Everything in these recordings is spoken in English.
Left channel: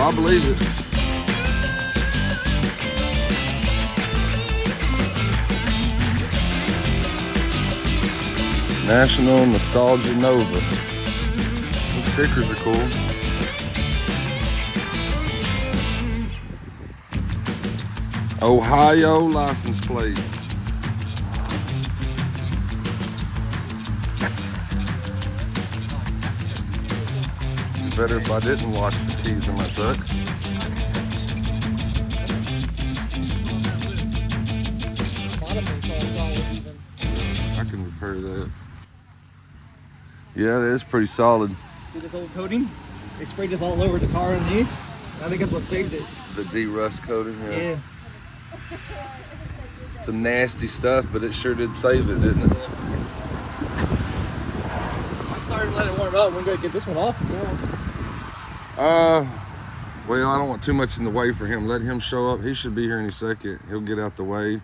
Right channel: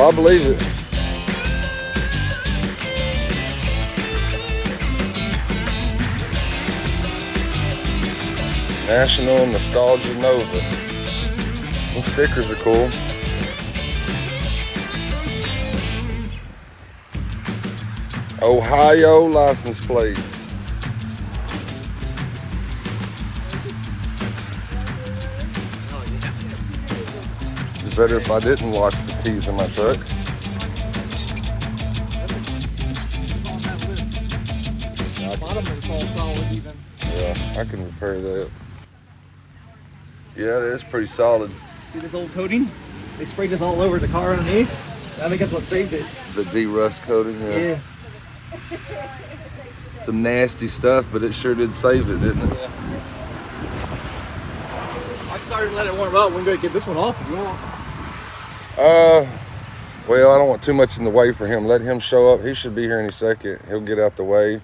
I believe it. National Nostalgia Nova. These stickers are cool. Ohio license plate. It's better if I didn't wash the keys in my truck. Yeah, I can repair that. Yeah, it is pretty solid. See this old coating? They sprayed this all over the car underneath. I think that's what saved it. The de-rust coating, yeah. Some nasty stuff, but it sure did save it, didn't it? I'm sorry to let it warm up. We're going to get this one off if you want. Well, I don't want too much in the way for him. Let him show up. He should be here any second. He'll get out the way.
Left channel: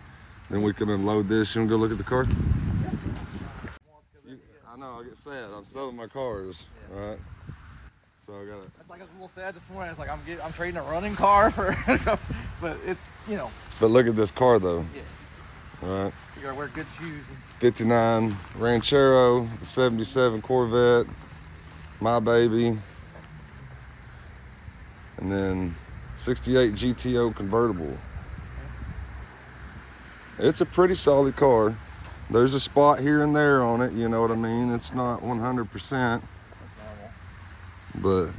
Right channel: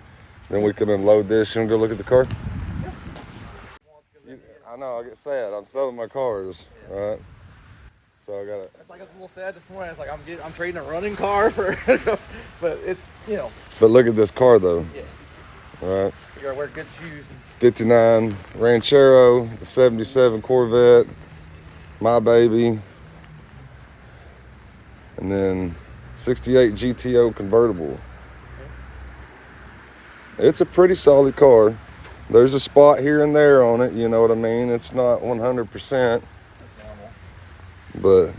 Then we can unload this. You want to go look at the car? I know, I get sad. I'm selling my cars, right? So I got it. It's like I was a little sad this morning. It's like I'm trading a running car for, but it's, you know. But look at this car though. Yeah. All right. You gotta wear good shoes. 59 Ranchero, 77 Corvette, my baby, and then 68 GTO Convertible. It's a pretty solid car. There's a spot here and there on it, you know what I mean? It's not 100%, but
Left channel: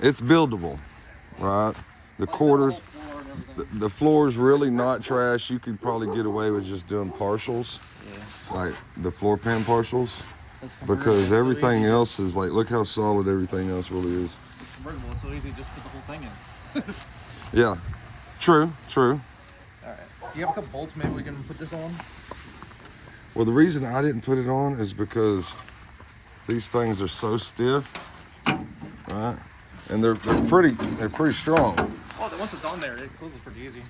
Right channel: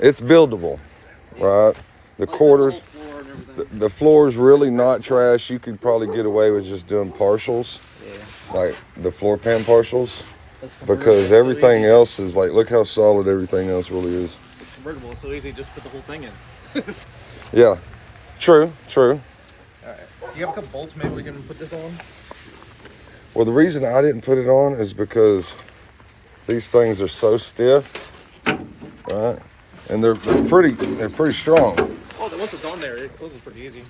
it's buildable, right? The quarters, the floor is really not trash. You could probably get away with just doing partials, like the floor pan partials, because everything else is like, look how solid everything else really is. It's convertible, it's so easy to just put the whole thing in. Yeah, true. All right. Do you have a couple bolts maybe we can put this on? Well, the reason I didn't put it on is because these things are so stiff, right? And they're pretty strong. Oh, once it's on there, it closes pretty easy.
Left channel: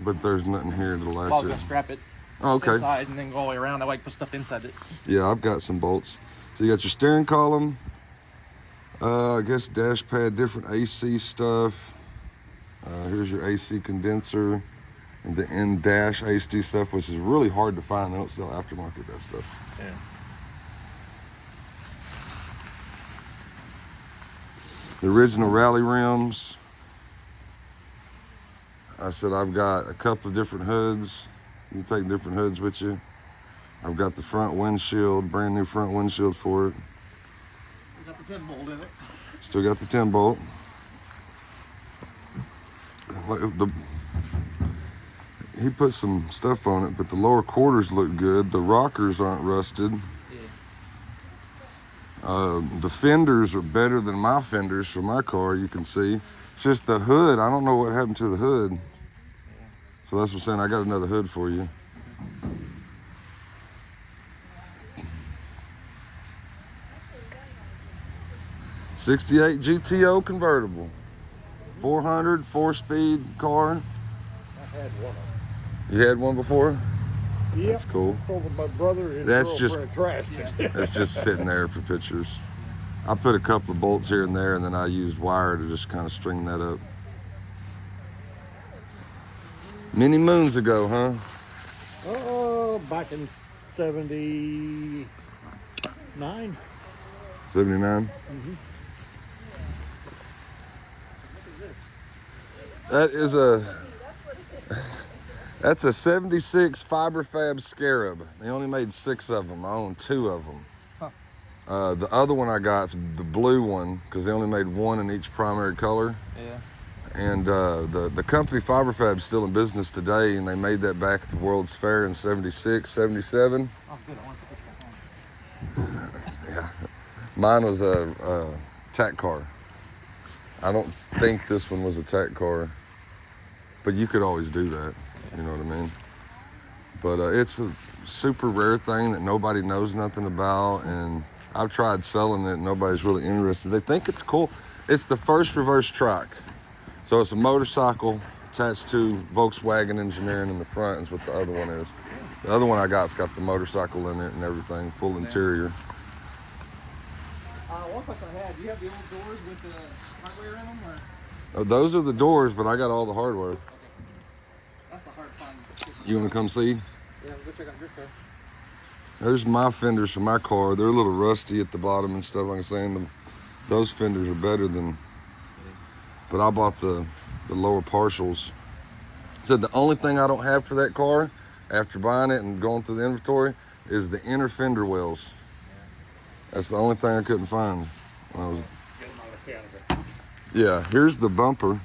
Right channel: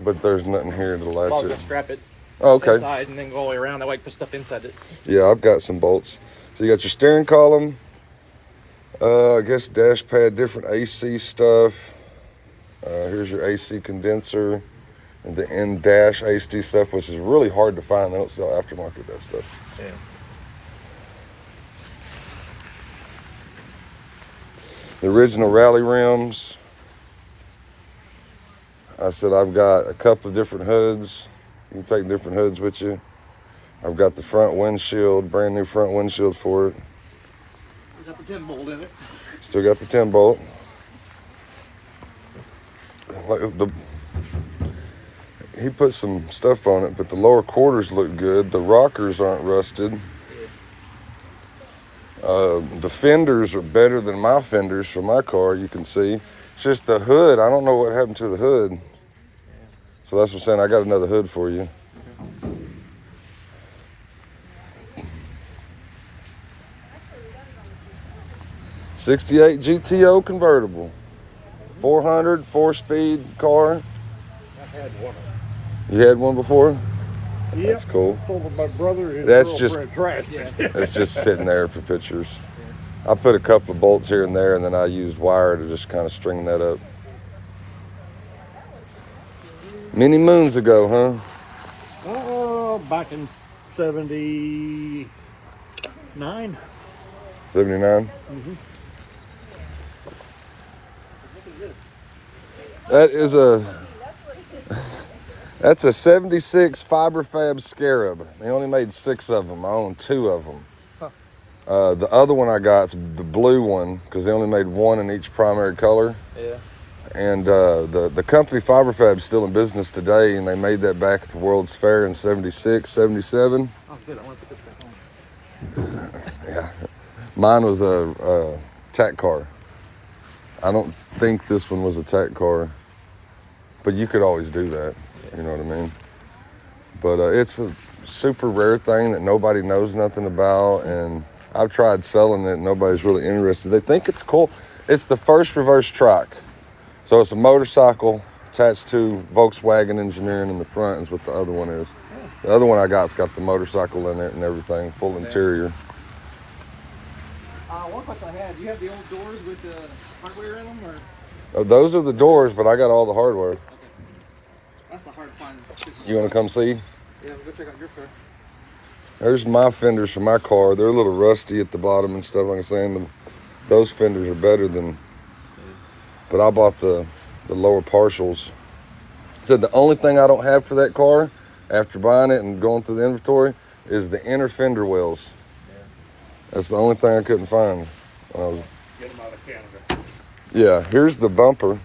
But there's nothing here to latch I'll it. just strap it. Oh, okay. Inside and then go all the way around. That way I can put stuff inside it. Yeah, I've got some bolts. So you got your steering column. I guess dash pad, different AC stuff. Here's your AC condenser and the in-dash AC stuff, which is really hard to find. They don't sell aftermarket that stuff. Yeah. The original rally rims. I said I've got a couple of different hoods. You can take different hoods with you. I've got the front windshield, brand new front windshield for it. We got the 10 bolt in it. Still got the 10 bolt. He put some stuff on it, but the lower quarters look good. The rockers aren't rusted. The fenders are better than my fenders for my car, you can see. It's just the hood. I don't know what happened to the hood. So that's what I'm saying. I got another hood for you. '68 GTO convertible. 400, 4-speed car. You had one before? Yep. That's cool. My brother That's just, trash. it's just sitting there for pictures. I put a couple of bolts here and there, and then I used wire to just kind of string that up. Many moons ago, huh? Oh, back in 79. 79? Mm-hmm. That's a 76 Fiberfab Scarab. They only made 6 of them. I own 2 of them. The other one I got's the blue one, because they only made 1 in each primary color. Yeah. And the company Fiberfab's still in business today, and they made that back at the World's Fair in 76, 77. Oh, good. I want to put this back on. Yeah. Mine was a tack car. I don't think this one was a tack car, but you could always do that. You know what I mean? But it's a super rare thing that nobody knows nothing about, and I've tried selling it. Nobody's really interested. They think it's cool. It's the first reverse trike. So it's a motorcycle attached to Volkswagen engineering in the front is what the other one is. The other one I got's got the motorcycle in it and everything, full interior. Do you have the old doors with the hardware in them, or? Oh, those are the doors, but I got all the hardware. Okay. That's the hard find. You want to come see? Yeah, we'll go check out your car. There's my fenders for my car. They're a little rusty at the bottom and stuff. Like I'm saying, those fenders are better than. But I bought the lower partials. Said the only thing I don't have for that car, after buying it and going through the inventory, is the inner fender wells. Yeah. That's the only thing I couldn't find when I was. Yeah, here's the bumper.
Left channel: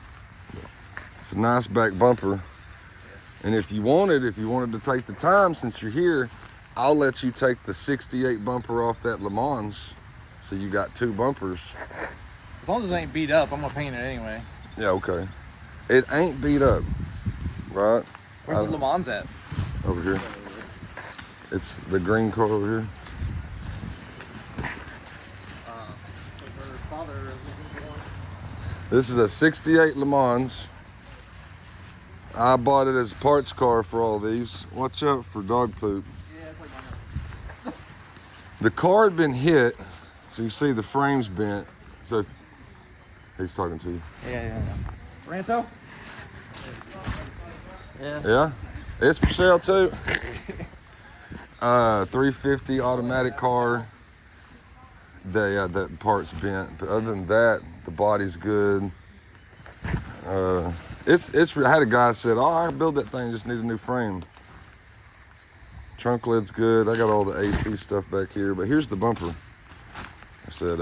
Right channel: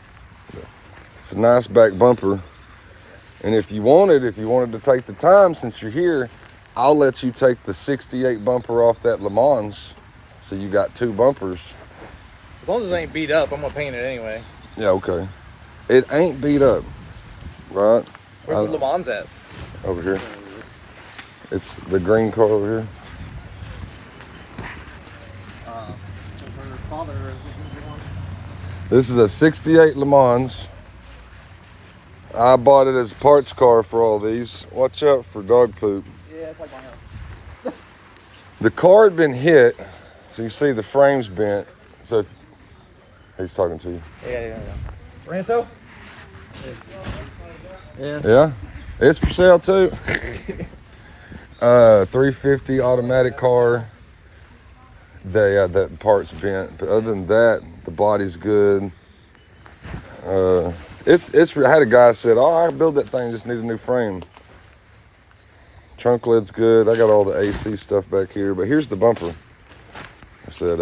It's a nice back bumper. And if you wanted to take the time, since you're here, I'll let you take the 68 bumper off that Le Mans. So you got 2 bumpers. As long as it ain't beat up, I'm gonna paint it anyway. Yeah, okay. It ain't beat up, right? Where's the Le Mans at? Over here. It's the green car over here. This is a 68 Le Mans. I bought it as a parts car for all these. Watch out for dog poop. Yeah, it's like my house. The car had been hit, so you see the frame's bent. So if, he's talking to you. Yeah. Rancho? Yeah. Yeah, it's for sale too. 350 automatic car. That part's bent, but other than that, the body's good. It's. I had a guy said, "Oh, I build that thing. Just need a new frame." Trunk lid's good. I got all the AC stuff back here, but here's the bumper. I said,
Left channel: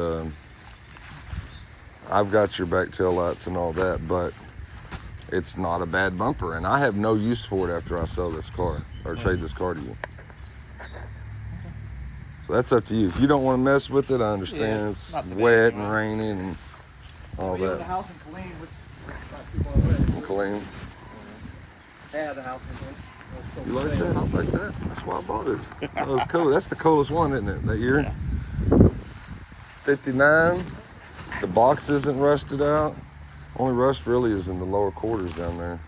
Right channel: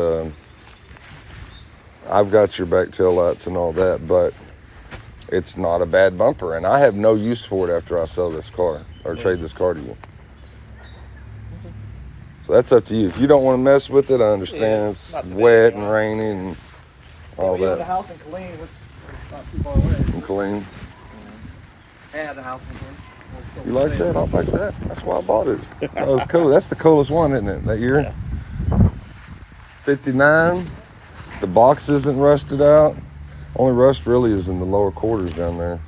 "I've got your back tail lights and all that, but it's not a bad bumper, and I have no use for it after I sell this car or trade this car to you." So that's up to you. If you don't want to mess with it, I understand. Yeah, it's wet and rainy and all We have the that. house in Killeen, which is not too far away. Clean. Yeah, the house in Killeen. You like that? I like that. That's why I bought it. That was cool. That's the coolest one, isn't it? That year. 59. The box isn't rusted out. Only rust really is in the lower quarters down there.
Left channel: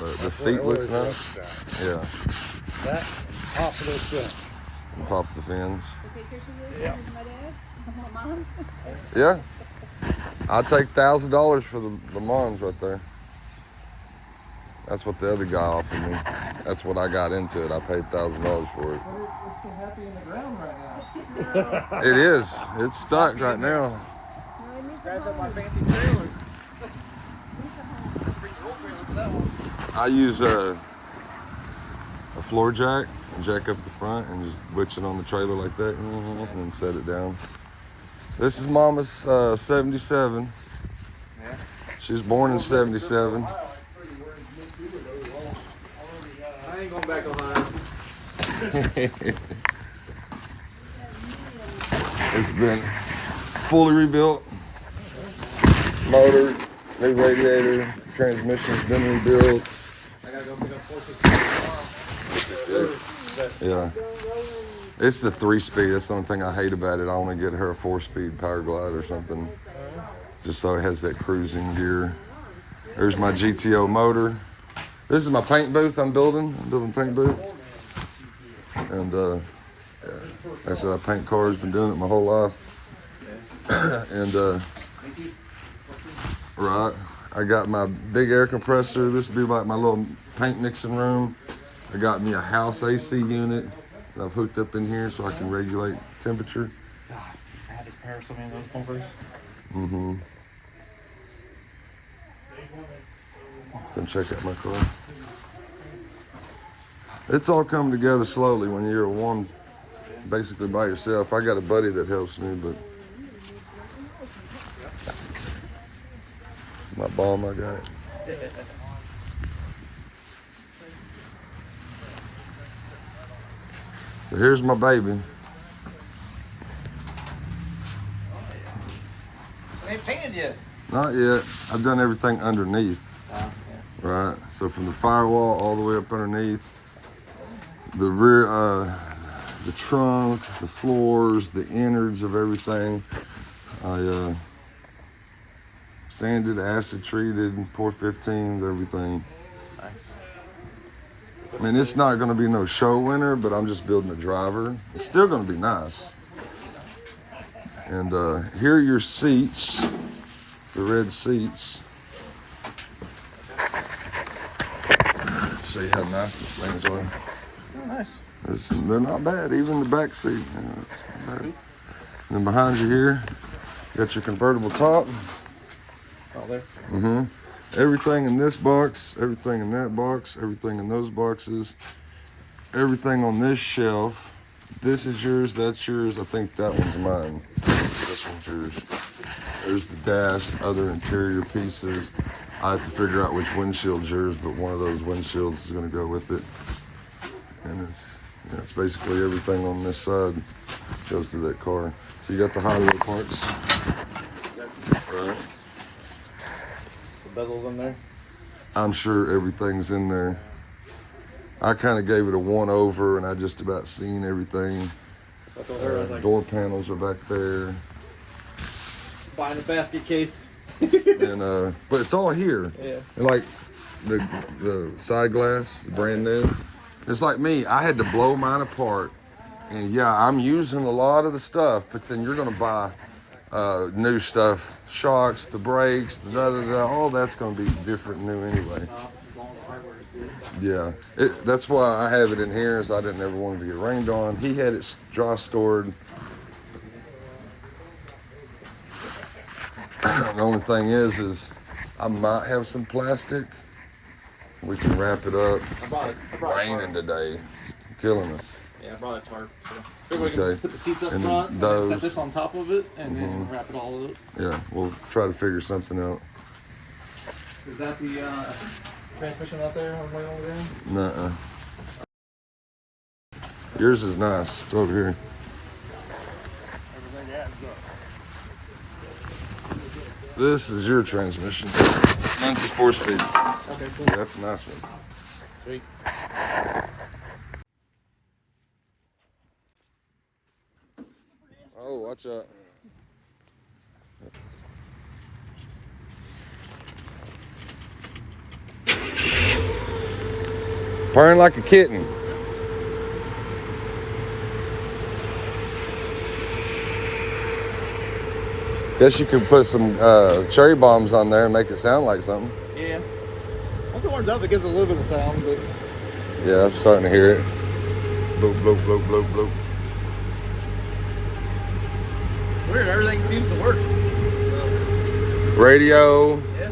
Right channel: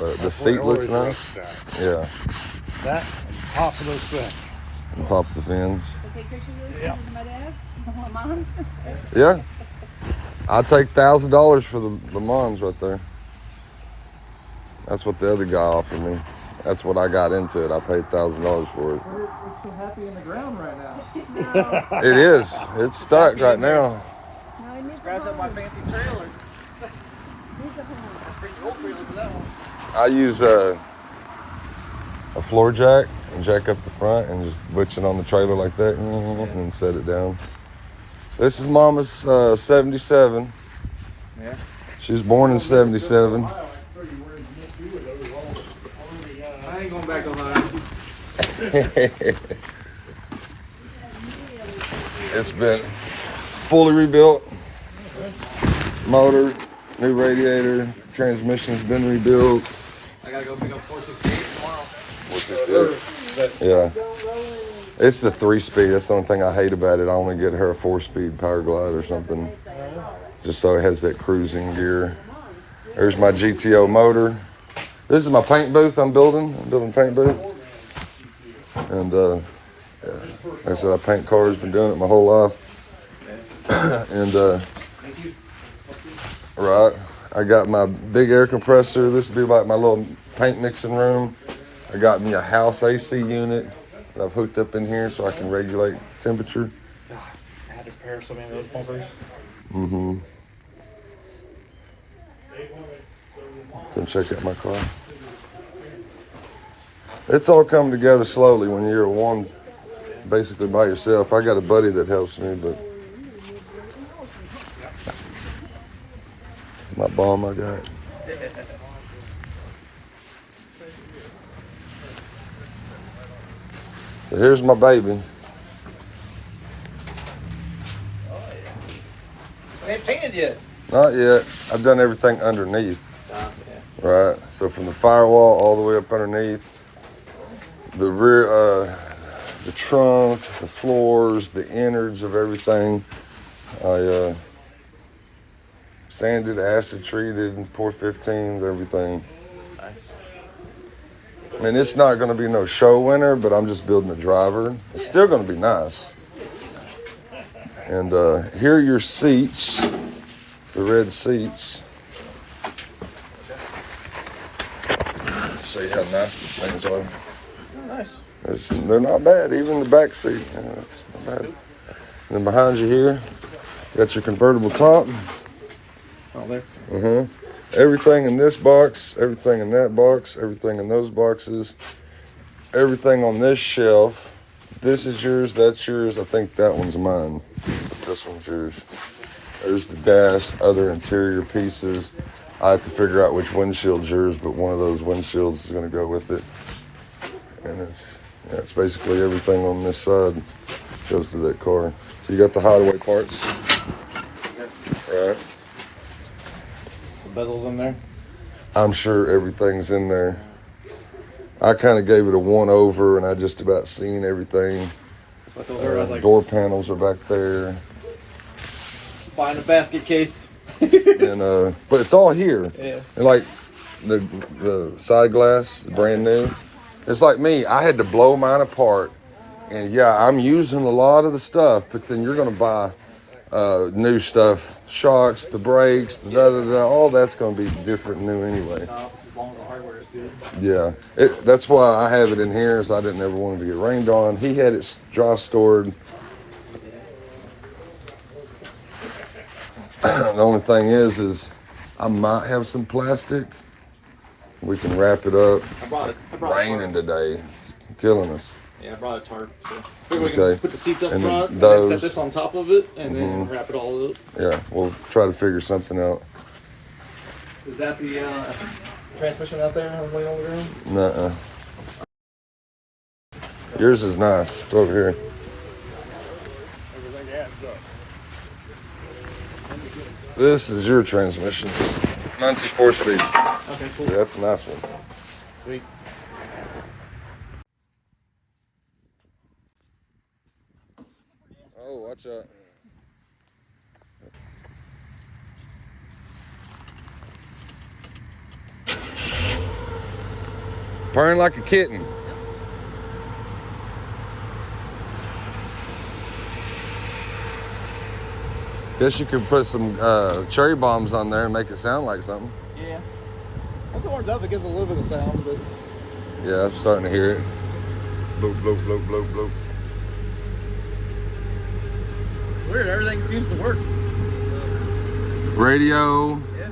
But the seat looks nice. Yeah. That top of those stuff. On top of the fins. Yeah. I'll take $1,000 for the Le Mans right there. That's what the other guy offered me. That's what I got into it. I paid $1,000 for it. You're so happy in the ground right now. It is. It's stuck right now. Scratch up my fancy trailer. I use a floor jack and jack up the front and just butch it on the trailer like that and then set it down. This is Mama's 77. Yeah. She was born in 77. I ain't going back on that. It's been fully rebuilt. Motor, new radiator, transmission's been rebuilt. I gotta go pick up 468. Yeah. It's the 3-speed. That's the only thing I hate about it. I only get her a 4-speed power glide or something. Just so it has that cruising gear. There's my GTO motor. This is my paint booth I'm building. I'm building a paint booth. And yeah. Like I said, I paint cars, been doing it my whole life. And right, I got my big air compressor. This would be like my little paint mixing room. I got me a house AC unit that I've hooked up in here so I can regulate temperature. I had to repair so many of those bumpers. Mm-hmm. Come check out my car. It's all coming together slowly when you're one basically by yourself. I got a buddy that helps me, but my bomb I got. So here's my baby. It ain't painted yet. Not yet. I've done everything underneath. Yeah. Right. So from the firewall all the way up underneath, the rear, the trunk, the floors, the innards of everything. I sanded, acid treated, poured 15s, everything. Nice. I mean, it's not going to be no show winner, but I'm just building a driver. It's still going to be nice. And here are your seats, the red seats. Show you how nice these things are. Oh, nice. They're not bad, even the back seat. It's not bad. And then behind you here, you got your convertible top. Oh, there. Everything in this box, everything in that box, everything in those boxes, everything on this shelf. This is yours, that's yours. I think that one's mine. This one's yours. There's the dash, other interior pieces. I have to figure out which windshield's yours, but one of those windshields is going to go with it. And it's basically everything on this side goes to that car. So you got the hideaway parts. Right. Bezels in there. I'm sure everything's in there. I kind of gave it a one over, and I just about seen everything. What's over? I was like, Door panels are back there. buying a basket case. And but it's all here. Yeah. And like the side glass, brand new. It's like me. I had to blow mine apart, and yeah, I'm using a lot of the stuff. But then you're gonna buy new stuff, shocks, the brakes, the da-da-da, all that's gonna be different and new anyway. As long as the hardware is good. Yeah, that's why I have it in here, is I didn't ever want it to get rained on. He had it dry stored. The only thing is I might have some plastic. We can wrap it up. I brought it. Raining today, it's killing us. Yeah, I brought a tarp. So we Okay. can put the seats up And then front, and those. then set this on top of it, and then wrap it all up. Yeah, we'll try to figure something out. Is that the transmission out there? Way over there? Nuh-uh. Yours is nice. It's over here. This is your transmission. Mine's a 4-speed. Okay, cool. Yeah, that's a nice one. Sweet. Oh, watch out. Purring like a kitten. Guess you could put some cherry bombs on there and make it sound like something. Yeah. Once it warms up, it gives a little bit of sound, but Yeah, I'm starting to hear it. Bloop, bloop, bloop, bloop, bloop. weird. Everything seems to work. Radio. Yeah.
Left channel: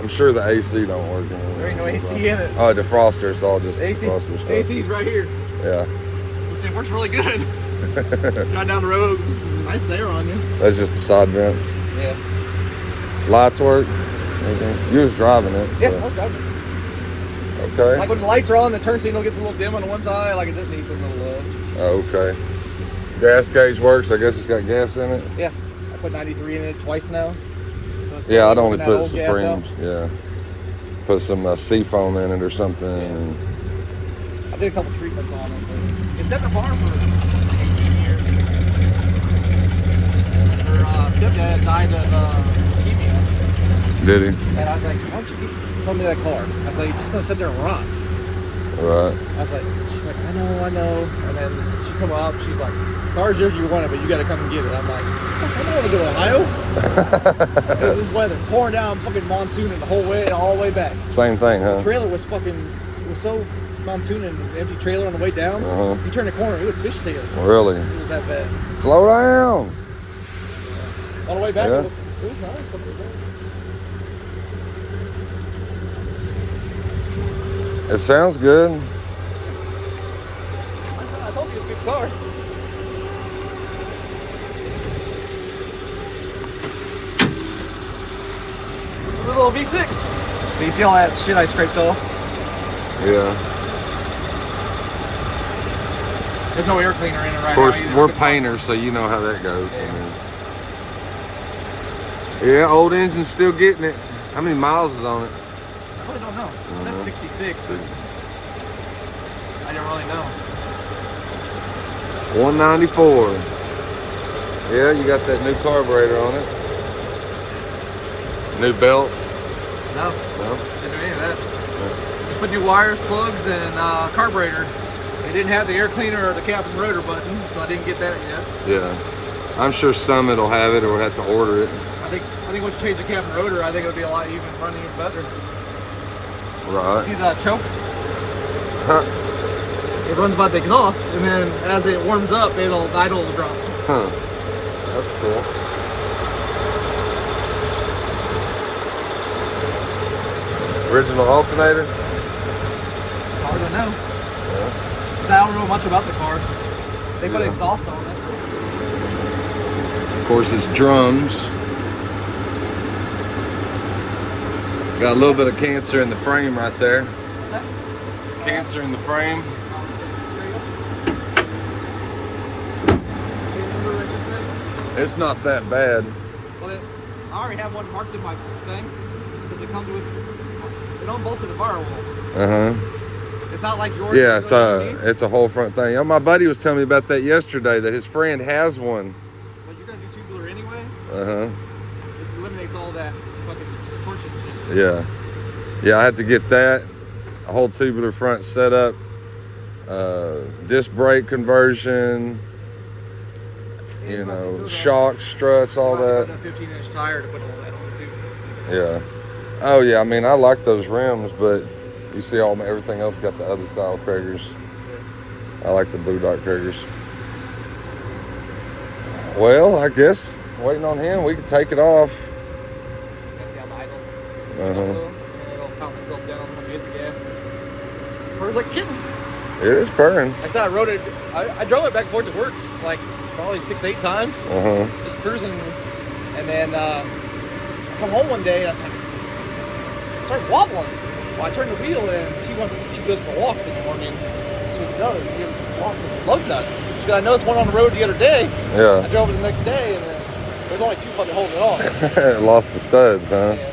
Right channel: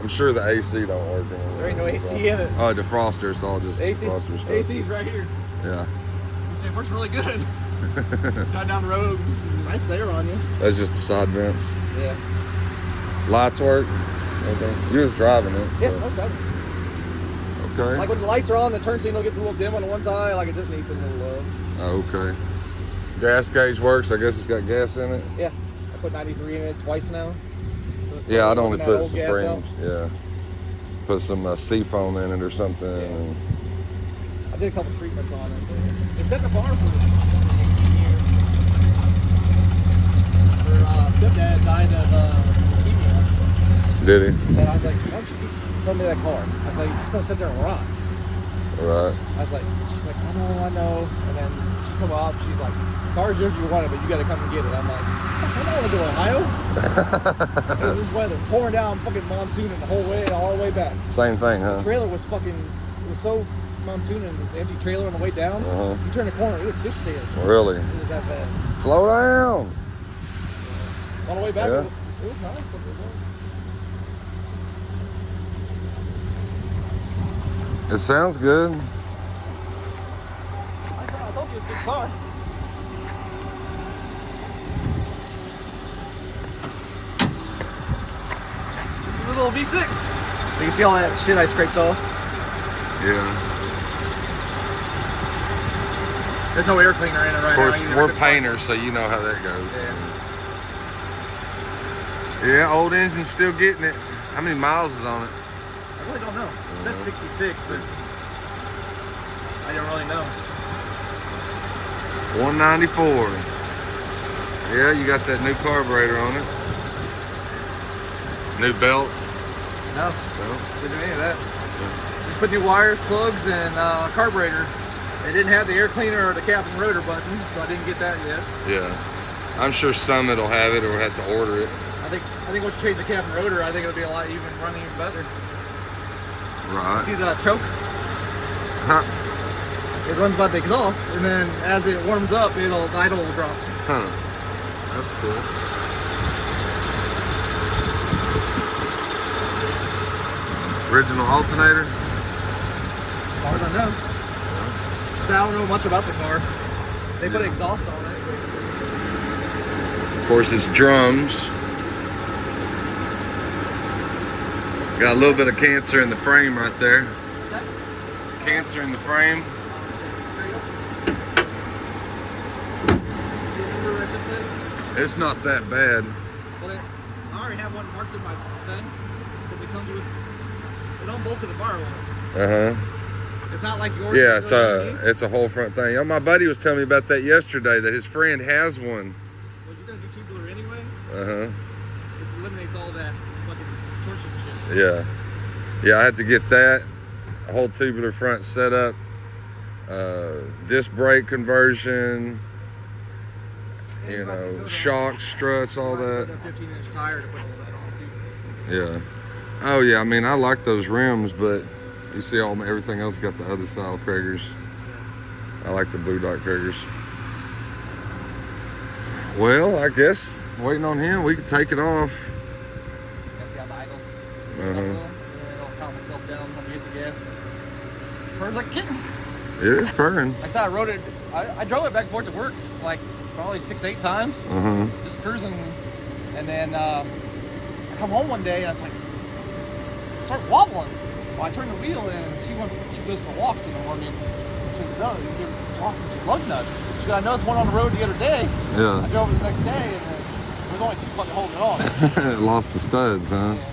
I'm sure the AC don't work. There ain't no AC in it. Oh, defroster's all just AC, defroster stuff. AC's right here. Yeah. Which it works really good. Drive down the road, it's nice air on you. That's just the side vents. Yeah. Lights work. You was driving it. Yeah, So. it works out. Okay. Like when the lights are on, the turn signal gets a little dim on one side, like it does need some little, Okay. Gas gauge works. I guess it's got gas in it. yeah. I put 93 in it twice now. So Yeah, I'd only that put old gas Supremes. Yeah. Put some seafoam in it or something. And out. I did a couple treatments on it. It's at the bar for 18 years. Her stepdad died of leukemia. did he? And I was like, why don't you sell me that car? I was like, you're just going to sit there and rot. Right. I was like, she's like, I know. And then she come up, she's like, car's yours, you want it, but you got to come and get it. I'm like, I don't want to go to Ohio. This weather, pouring down, fucking monsooning the whole way, all the way back. Same thing, huh? The trailer was so monsooning, empty trailer on the way down. You turn the corner, it was fish tail. Really? It was that bad. Slow down. All the way back. Yeah. It was nice. It sounds good. I hope it's a good car. A little V6. You see all that shit I scraped off? Yeah. There's no air cleaner in it right Of course, now. we're painters, so you know how that goes. Yeah, old engine's still getting it. How many miles is on it? I don't know. It says 66, but I don't really know. 194. Yeah, you got that new carburetor on it. New belt. No, No? didn't do any of that. Just put new wires, plugs, and carburetor. It didn't have the air cleaner or the cap and rotor button, so I didn't get that yet. Yeah. I'm sure Summit will have it or we'll have to order it. I think once you change the cab and rotor, I think it'll be a lot even running even better. Right. See that choke? Huh. It runs by the exhaust, and then as it warms up, it'll idle the drum. Huh. That's cool. Original alternator? As far as I know. Yeah. I don't know much about the car. They put exhaust on it. Of course, it's drums. Got a little bit of cancer in the frame right there. Cancer in the frame. It's not that bad. But I already have one marked in my thing because it comes with it don't bolt to the firewall. It's not like yours. Yeah, it's a whole front thing. My buddy was telling me about that yesterday. That his friend has one. Well, you're gonna do tubular anyway. It eliminates all that fucking torsion shit. Yeah, I had to get that. A whole tubular front setup. Disc brake conversion. You know, shocks, struts, all that. A 15-inch tire to put all that on too. Yeah. Oh yeah. I mean, I like those rims, but you see, everything else got the other style Kragers. I like the Blue Dot Kragers. Well, I guess waiting on him, we could take it off. Purrs like a kitten. It is purring. That's how I rode it. I drove it back and forth to work like probably 6-8 times. Just cruising, and then I come home one day and I was like, started wobbling. Well, I turned the wheel and she goes for walks in the morning. She says, "No, you lost some lug nuts." She goes, "I noticed one on the road the other day." Yeah. I drove it the next day and there's only 2 fucking holding it on. Lost the studs, huh? Yeah.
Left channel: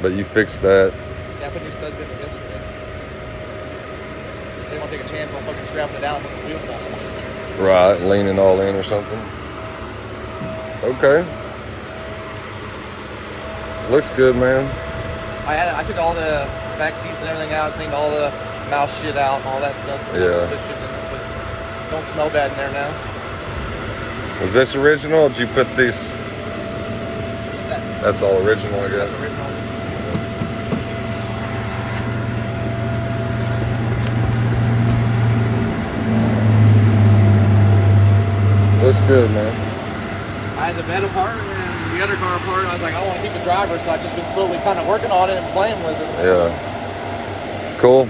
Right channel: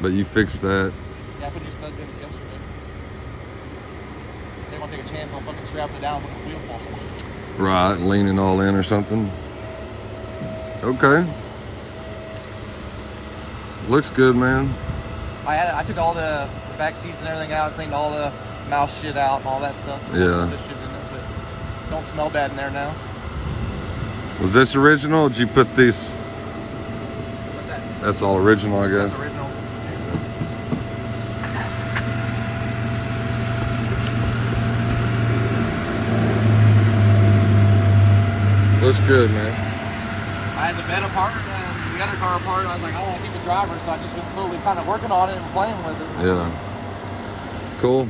But you fixed that. Yeah, I put new studs in it yesterday. They want to take a chance on fucking strapping it down and putting the wheel fall. Right, leaning all in or something. Okay. Looks good, man. I took all the back seats and everything out, cleaned all the mouse shit out and all that stuff. Yeah. But don't smell bad in there now. Was this original or did you put these? That's all original, I guess. That's original. Looks good, man. I had the bed apart and the other car apart. I was like, I want to keep the driver, so I've just been slowly kind of working on it and playing with it. Yeah. Cool.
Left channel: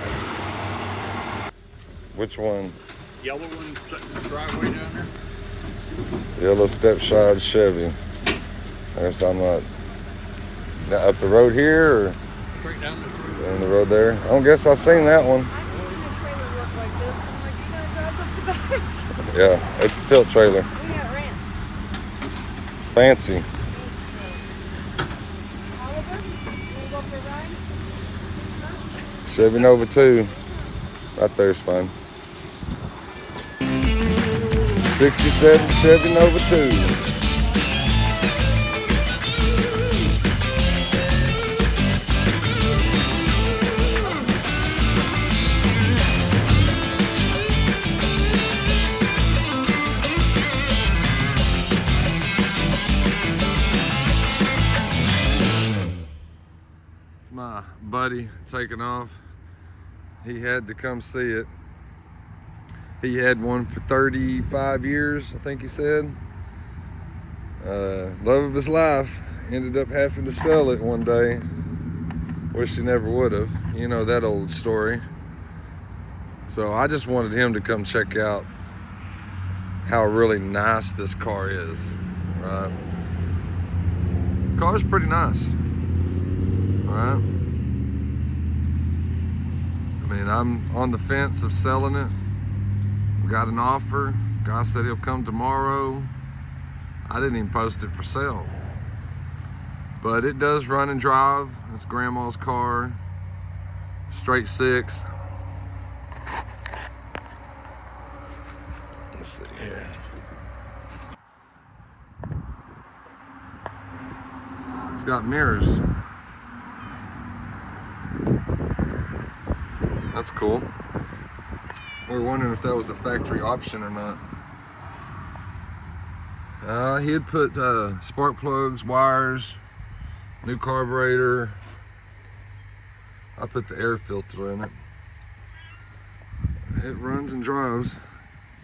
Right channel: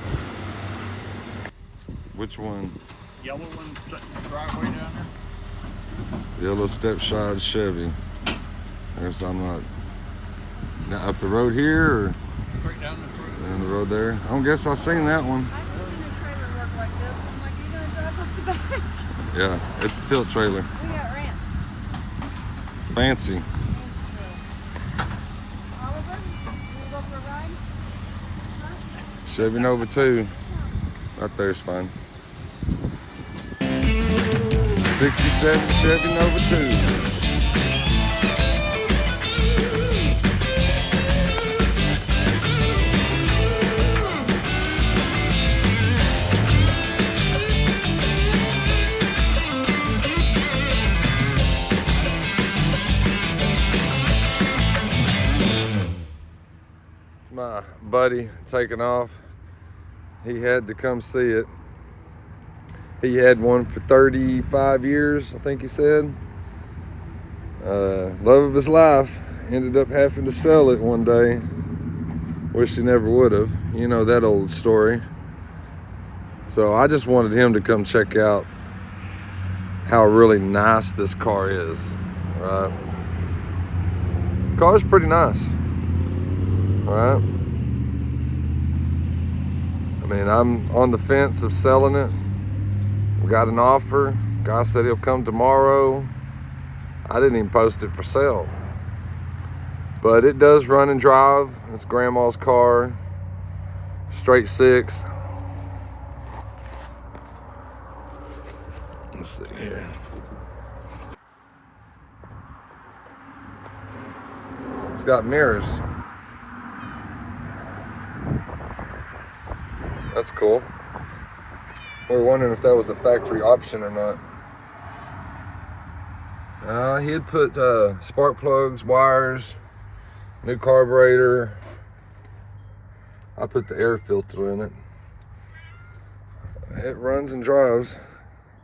Which one? Yellow one sitting in the driveway down there. Yellow stepside Chevy. I guess I'm not. Now up the road here or Straight down this road. down the road there? I don't guess I've seen that one. I've seen a trailer work like this, and I'm like, you gotta drive up the back. Yeah, it's a tilt trailer. We got ramps. Fancy. Oliver, you want the ride? Chevy Nova 2. Right there's fun. 67 Chevy Nova 2. My buddy taking off. He had to come see it. He had one for 35 years, I think he said. Love of his life. Ended up having to sell it one day. Wish he never would have. You know that old story. So I just wanted him to come check out how really nice this car is, right? Car's pretty nice. All right. I mean, I'm on the fence of selling it. We got an offer. Guy said he'll come tomorrow. I didn't even post it for sale. But it does run and drive. It's grandma's car. Straight 6. Let's see here. It's got mirrors. That's cool. We were wondering if that was a factory option or not. He had put spark plugs, wires, new carburetor. I put the air filter in it. It runs and drives,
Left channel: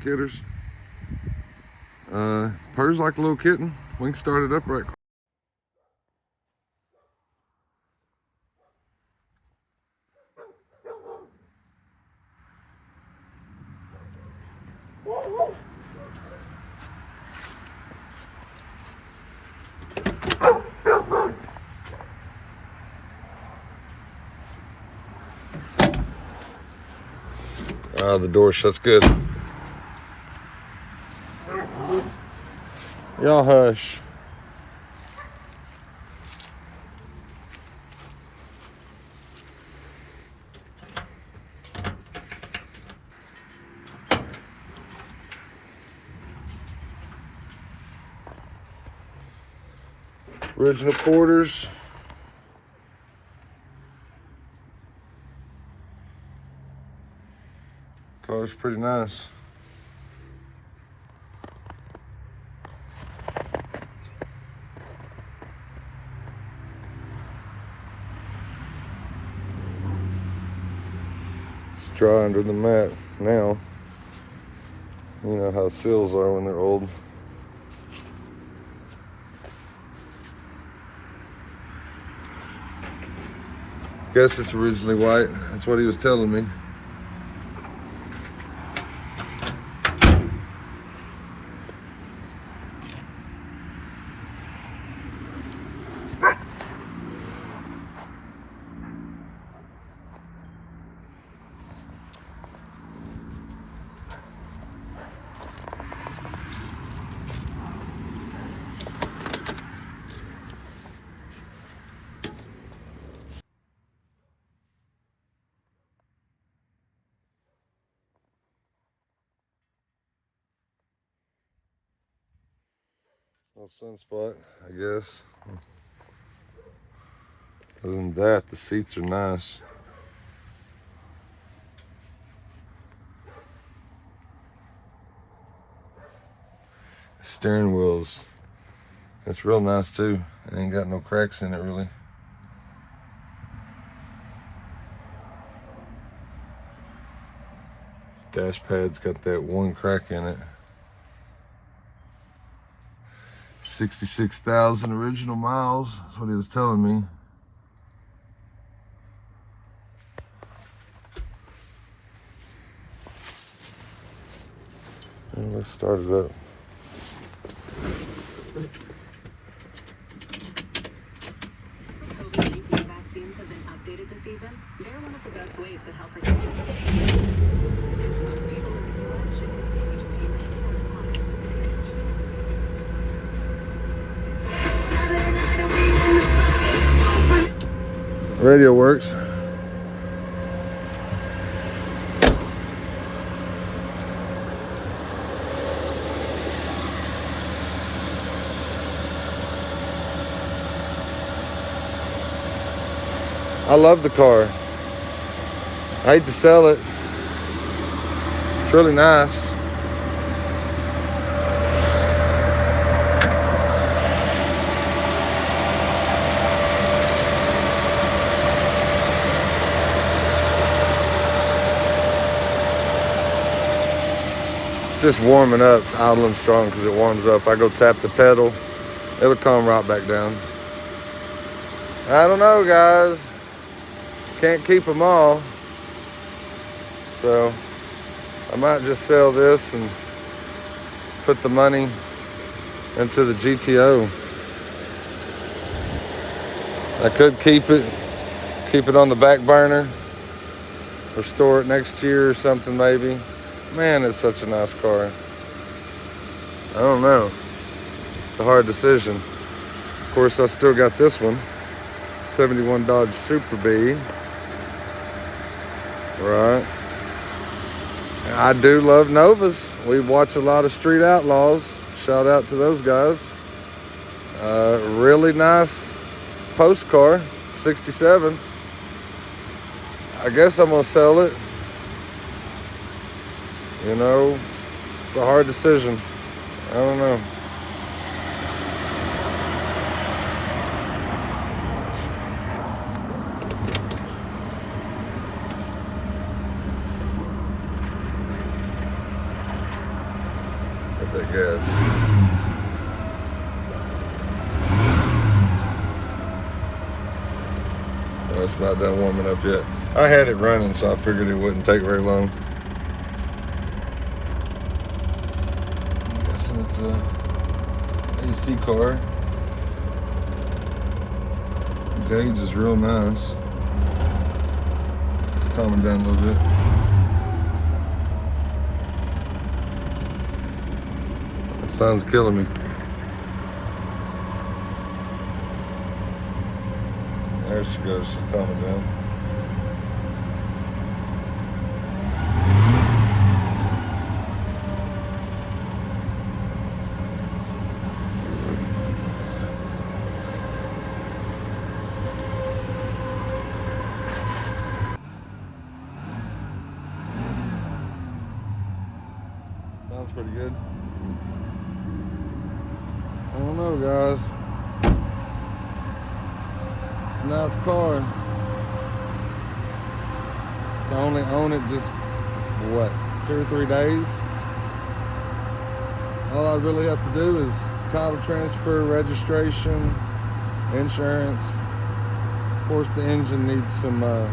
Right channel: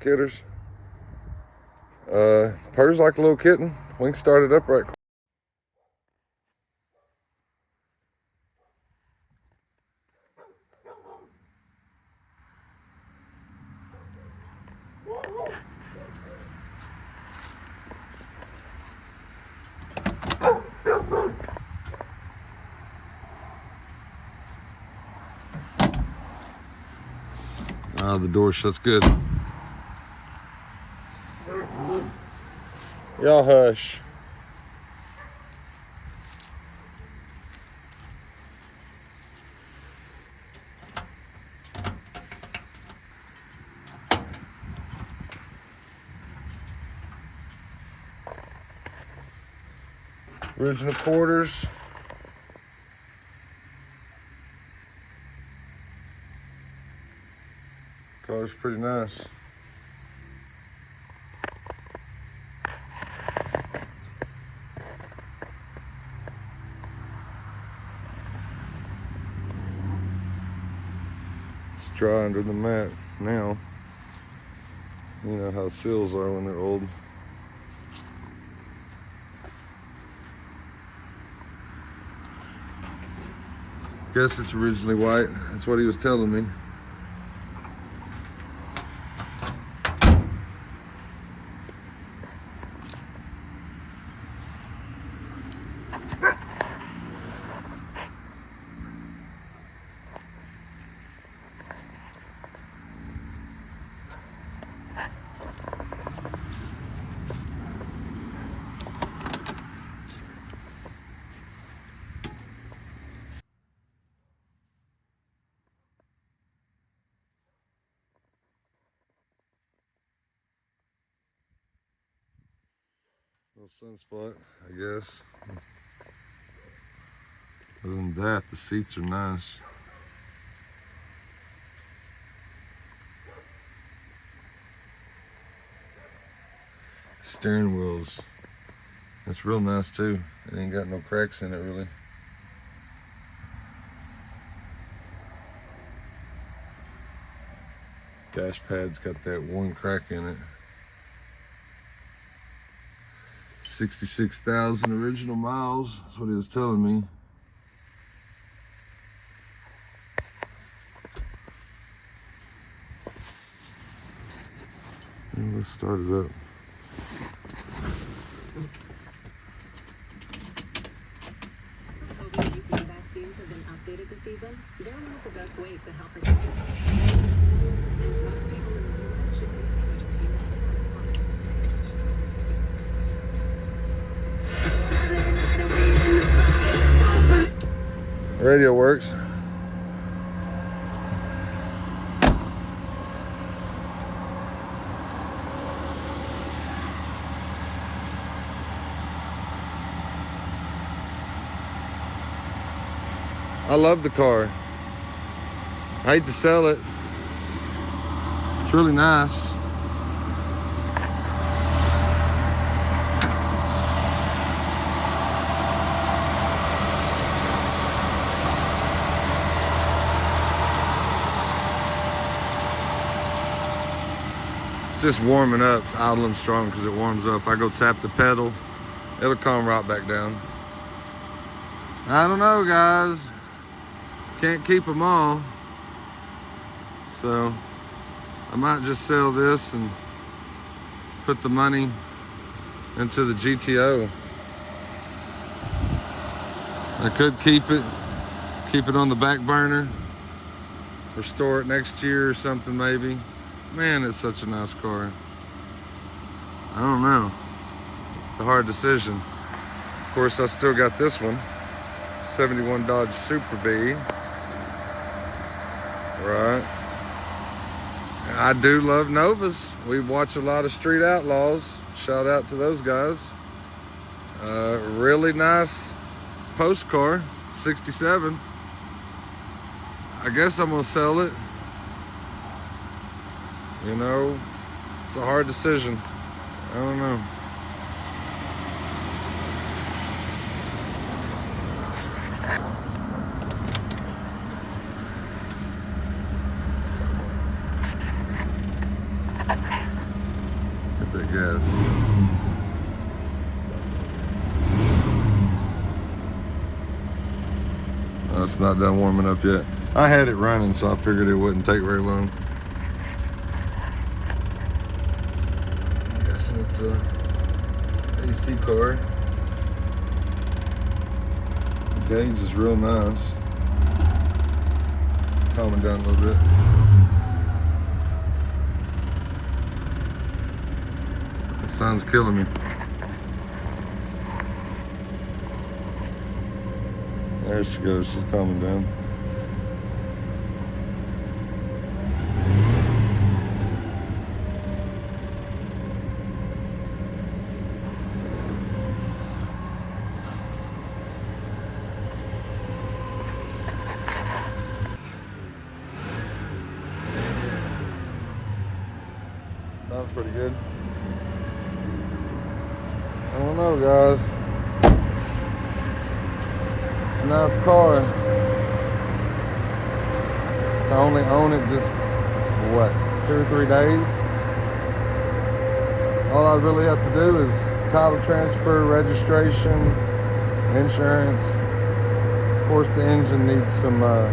kidders. Purrs like a little kitten. We can start it up right quick. The door shuts good. Y'all hush. Original quarters. Color's pretty nice. It's dry under the mat now. You know how seals are when they're old. Guess it's originally white. That's what he was telling me. Little sunspot, I guess. Other than that, the seats are nice. Steering wheels, it's real nice too. It ain't got no cracks in it really. Dash pad's got that one crack in it. 66,000 original miles, that's what he was telling me. And let's start it up. Vaccines have been updated this season. They're one of the best ways to help with most people in the world should continue to pay. Radio works. I love the car. I hate to sell it. It's really nice. It's just warming up. It's idling strong because it warms up. I go tap the pedal, it'll come right back down. I don't know, guys. Can't keep them all. So I might just sell this and put the money into the GTO. I could keep it on the back burner or store it next year or something maybe. Man, it's such a nice car. I don't know. It's a hard decision. Of course, I still got this one. 71 Dodge Super B. Right. I do love Novas. We watch a lot of Street Outlaws. Shout out to those guys. Really nice post car, 67. I guess I'm gonna sell it. You know, it's a hard decision. I don't know. gas. It's not done warming up yet. I had it running, so I figured it wouldn't take very long. I'm guessing it's a AC car. The gauge is real nice. It's calming down a little bit. The sun's killing me. There she goes, she's coming down. Sounds pretty good. I don't know, guys. Nice car. I only own it just, what, 2 or 3 days? All I really have to do is title transfer, registration, insurance. Of course, the engine needs some, I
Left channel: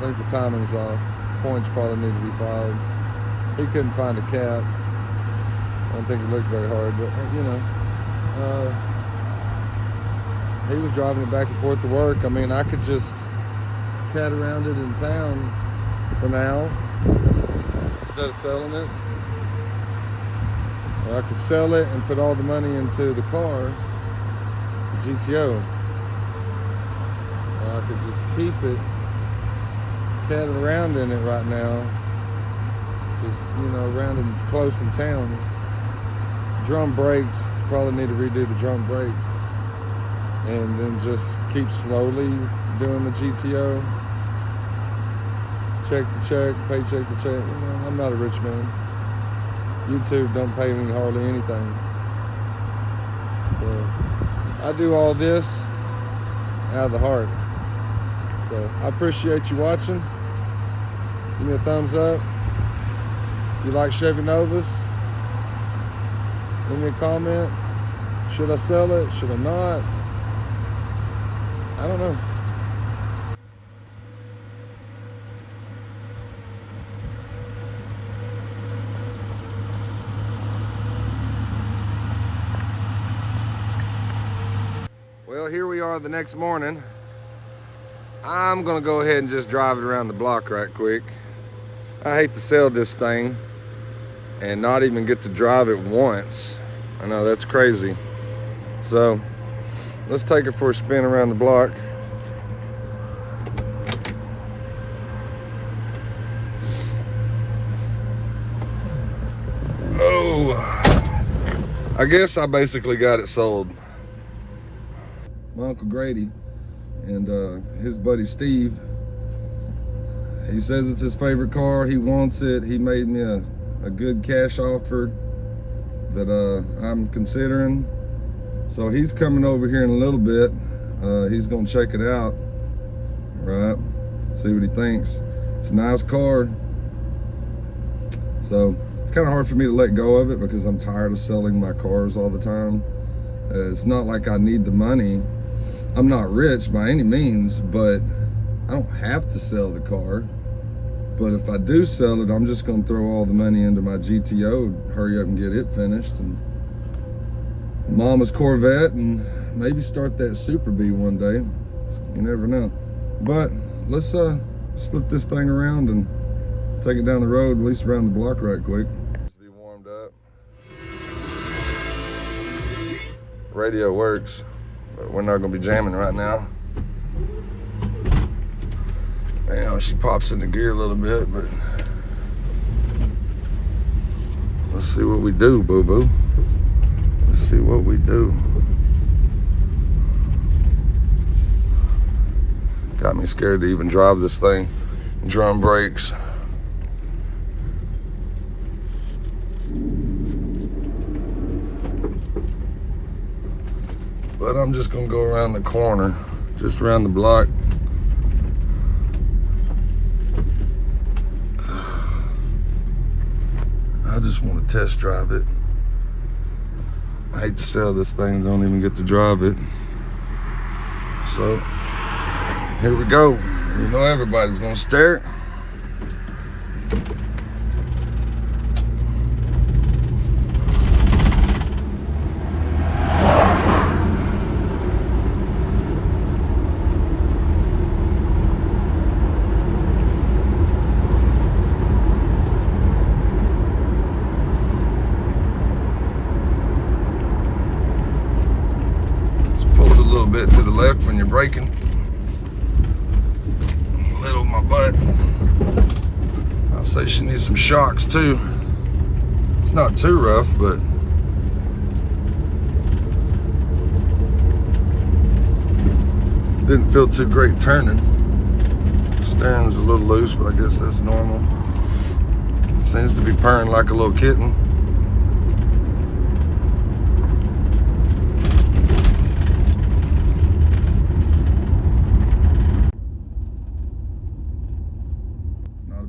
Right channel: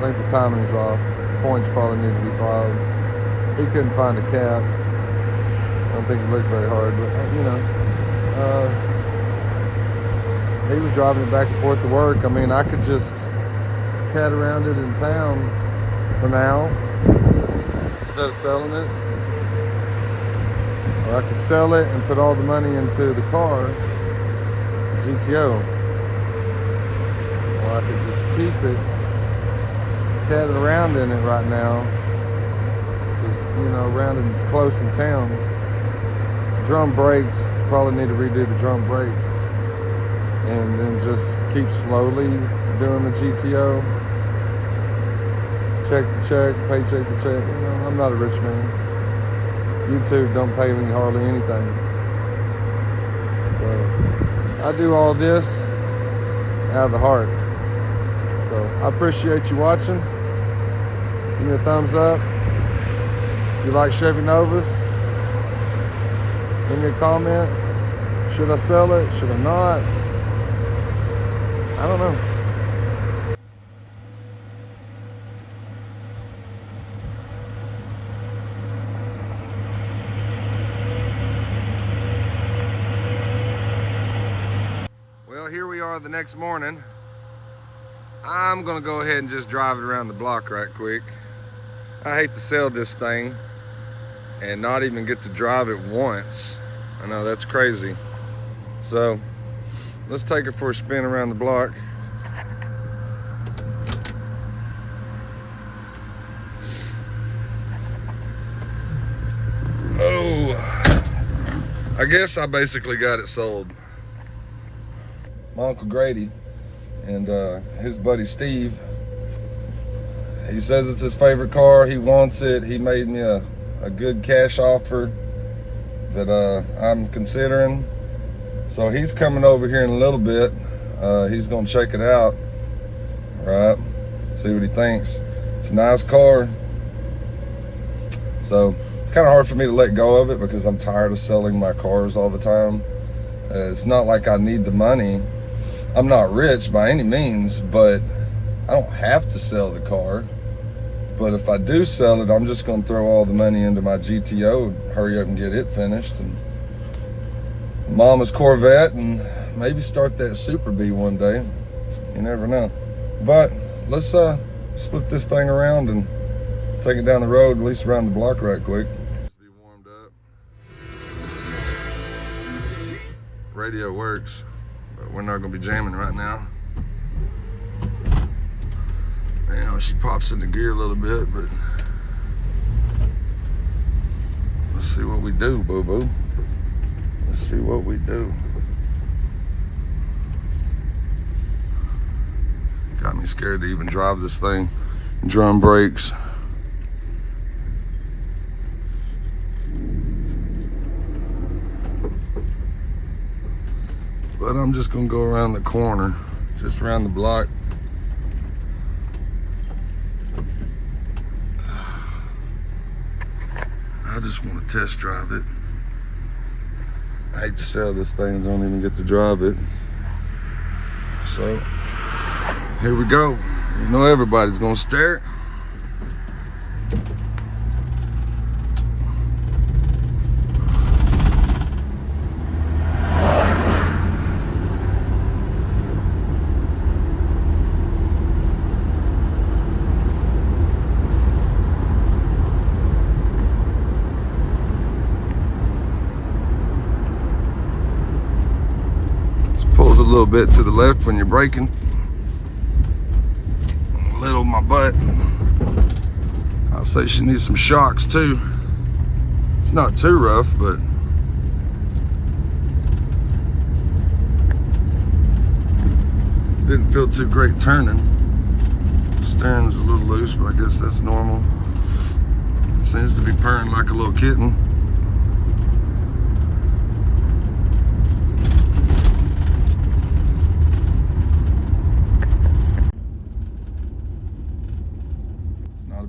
think the timing's off. Points probably need to be filed. He couldn't find a cap. I don't think he looked very hard, but you know. He was driving it back and forth to work. I mean, I could just cat around it in town for now instead of selling it. Or I could sell it and put all the money into the car, GTO. Or I could just keep it, catting around in it right now. Just, you know, around and close in town. Drum brakes, probably need to redo the drum brakes. And then just keep slowly doing the GTO. Check to check, paycheck to check. You know, I'm not a rich man. YouTube don't pay me hardly anything. I do all this out of the heart. So I appreciate you watching. Give me a thumbs up. If you like Chevy Novas, give me a comment. Should I sell it? Should I not? I don't know. Well, here we are the next morning. I'm gonna go ahead and just drive it around the block right quick. I hate to sell this thing and not even get to drive it once. I know, that's crazy. So let's take it for a spin around the block. Oh, I guess I basically got it sold. My Uncle Grady and his buddy Steve, he says it's his favorite car. He wants it. He made me a good cash offer that I'm considering. So he's coming over here in a little bit. He's gonna check it out, right? See what he thinks. It's a nice car. So it's kind of hard for me to let go of it because I'm tired of selling my cars all the time. It's not like I need the money. I'm not rich by any means, but I don't have to sell the car. But if I do sell it, I'm just gonna throw all the money into my GTO, hurry up and get it finished, and Mama's Corvette, and maybe start that Super B one day. You never know. But let's split this thing around and take it down the road, at least around the block right quick. Just be warmed up. Radio works, but we're not gonna be jamming right now. Damn, she pops into gear a little bit, but let's see what we do, boo-boo. See what we do. Got me scared to even drive this thing. Drum brakes. But I'm just gonna go around the corner, just around the block. I just want to test drive it. I hate to sell this thing, don't even get to drive it. So, here we go. You know everybody's gonna stare. Pulls a little bit to the left when you're braking. A little my butt. I'll say she needs some shocks too. It's not too rough, but didn't feel too great turning. Steering's a little loose, but I guess that's normal. Seems to be purring like a little kitten.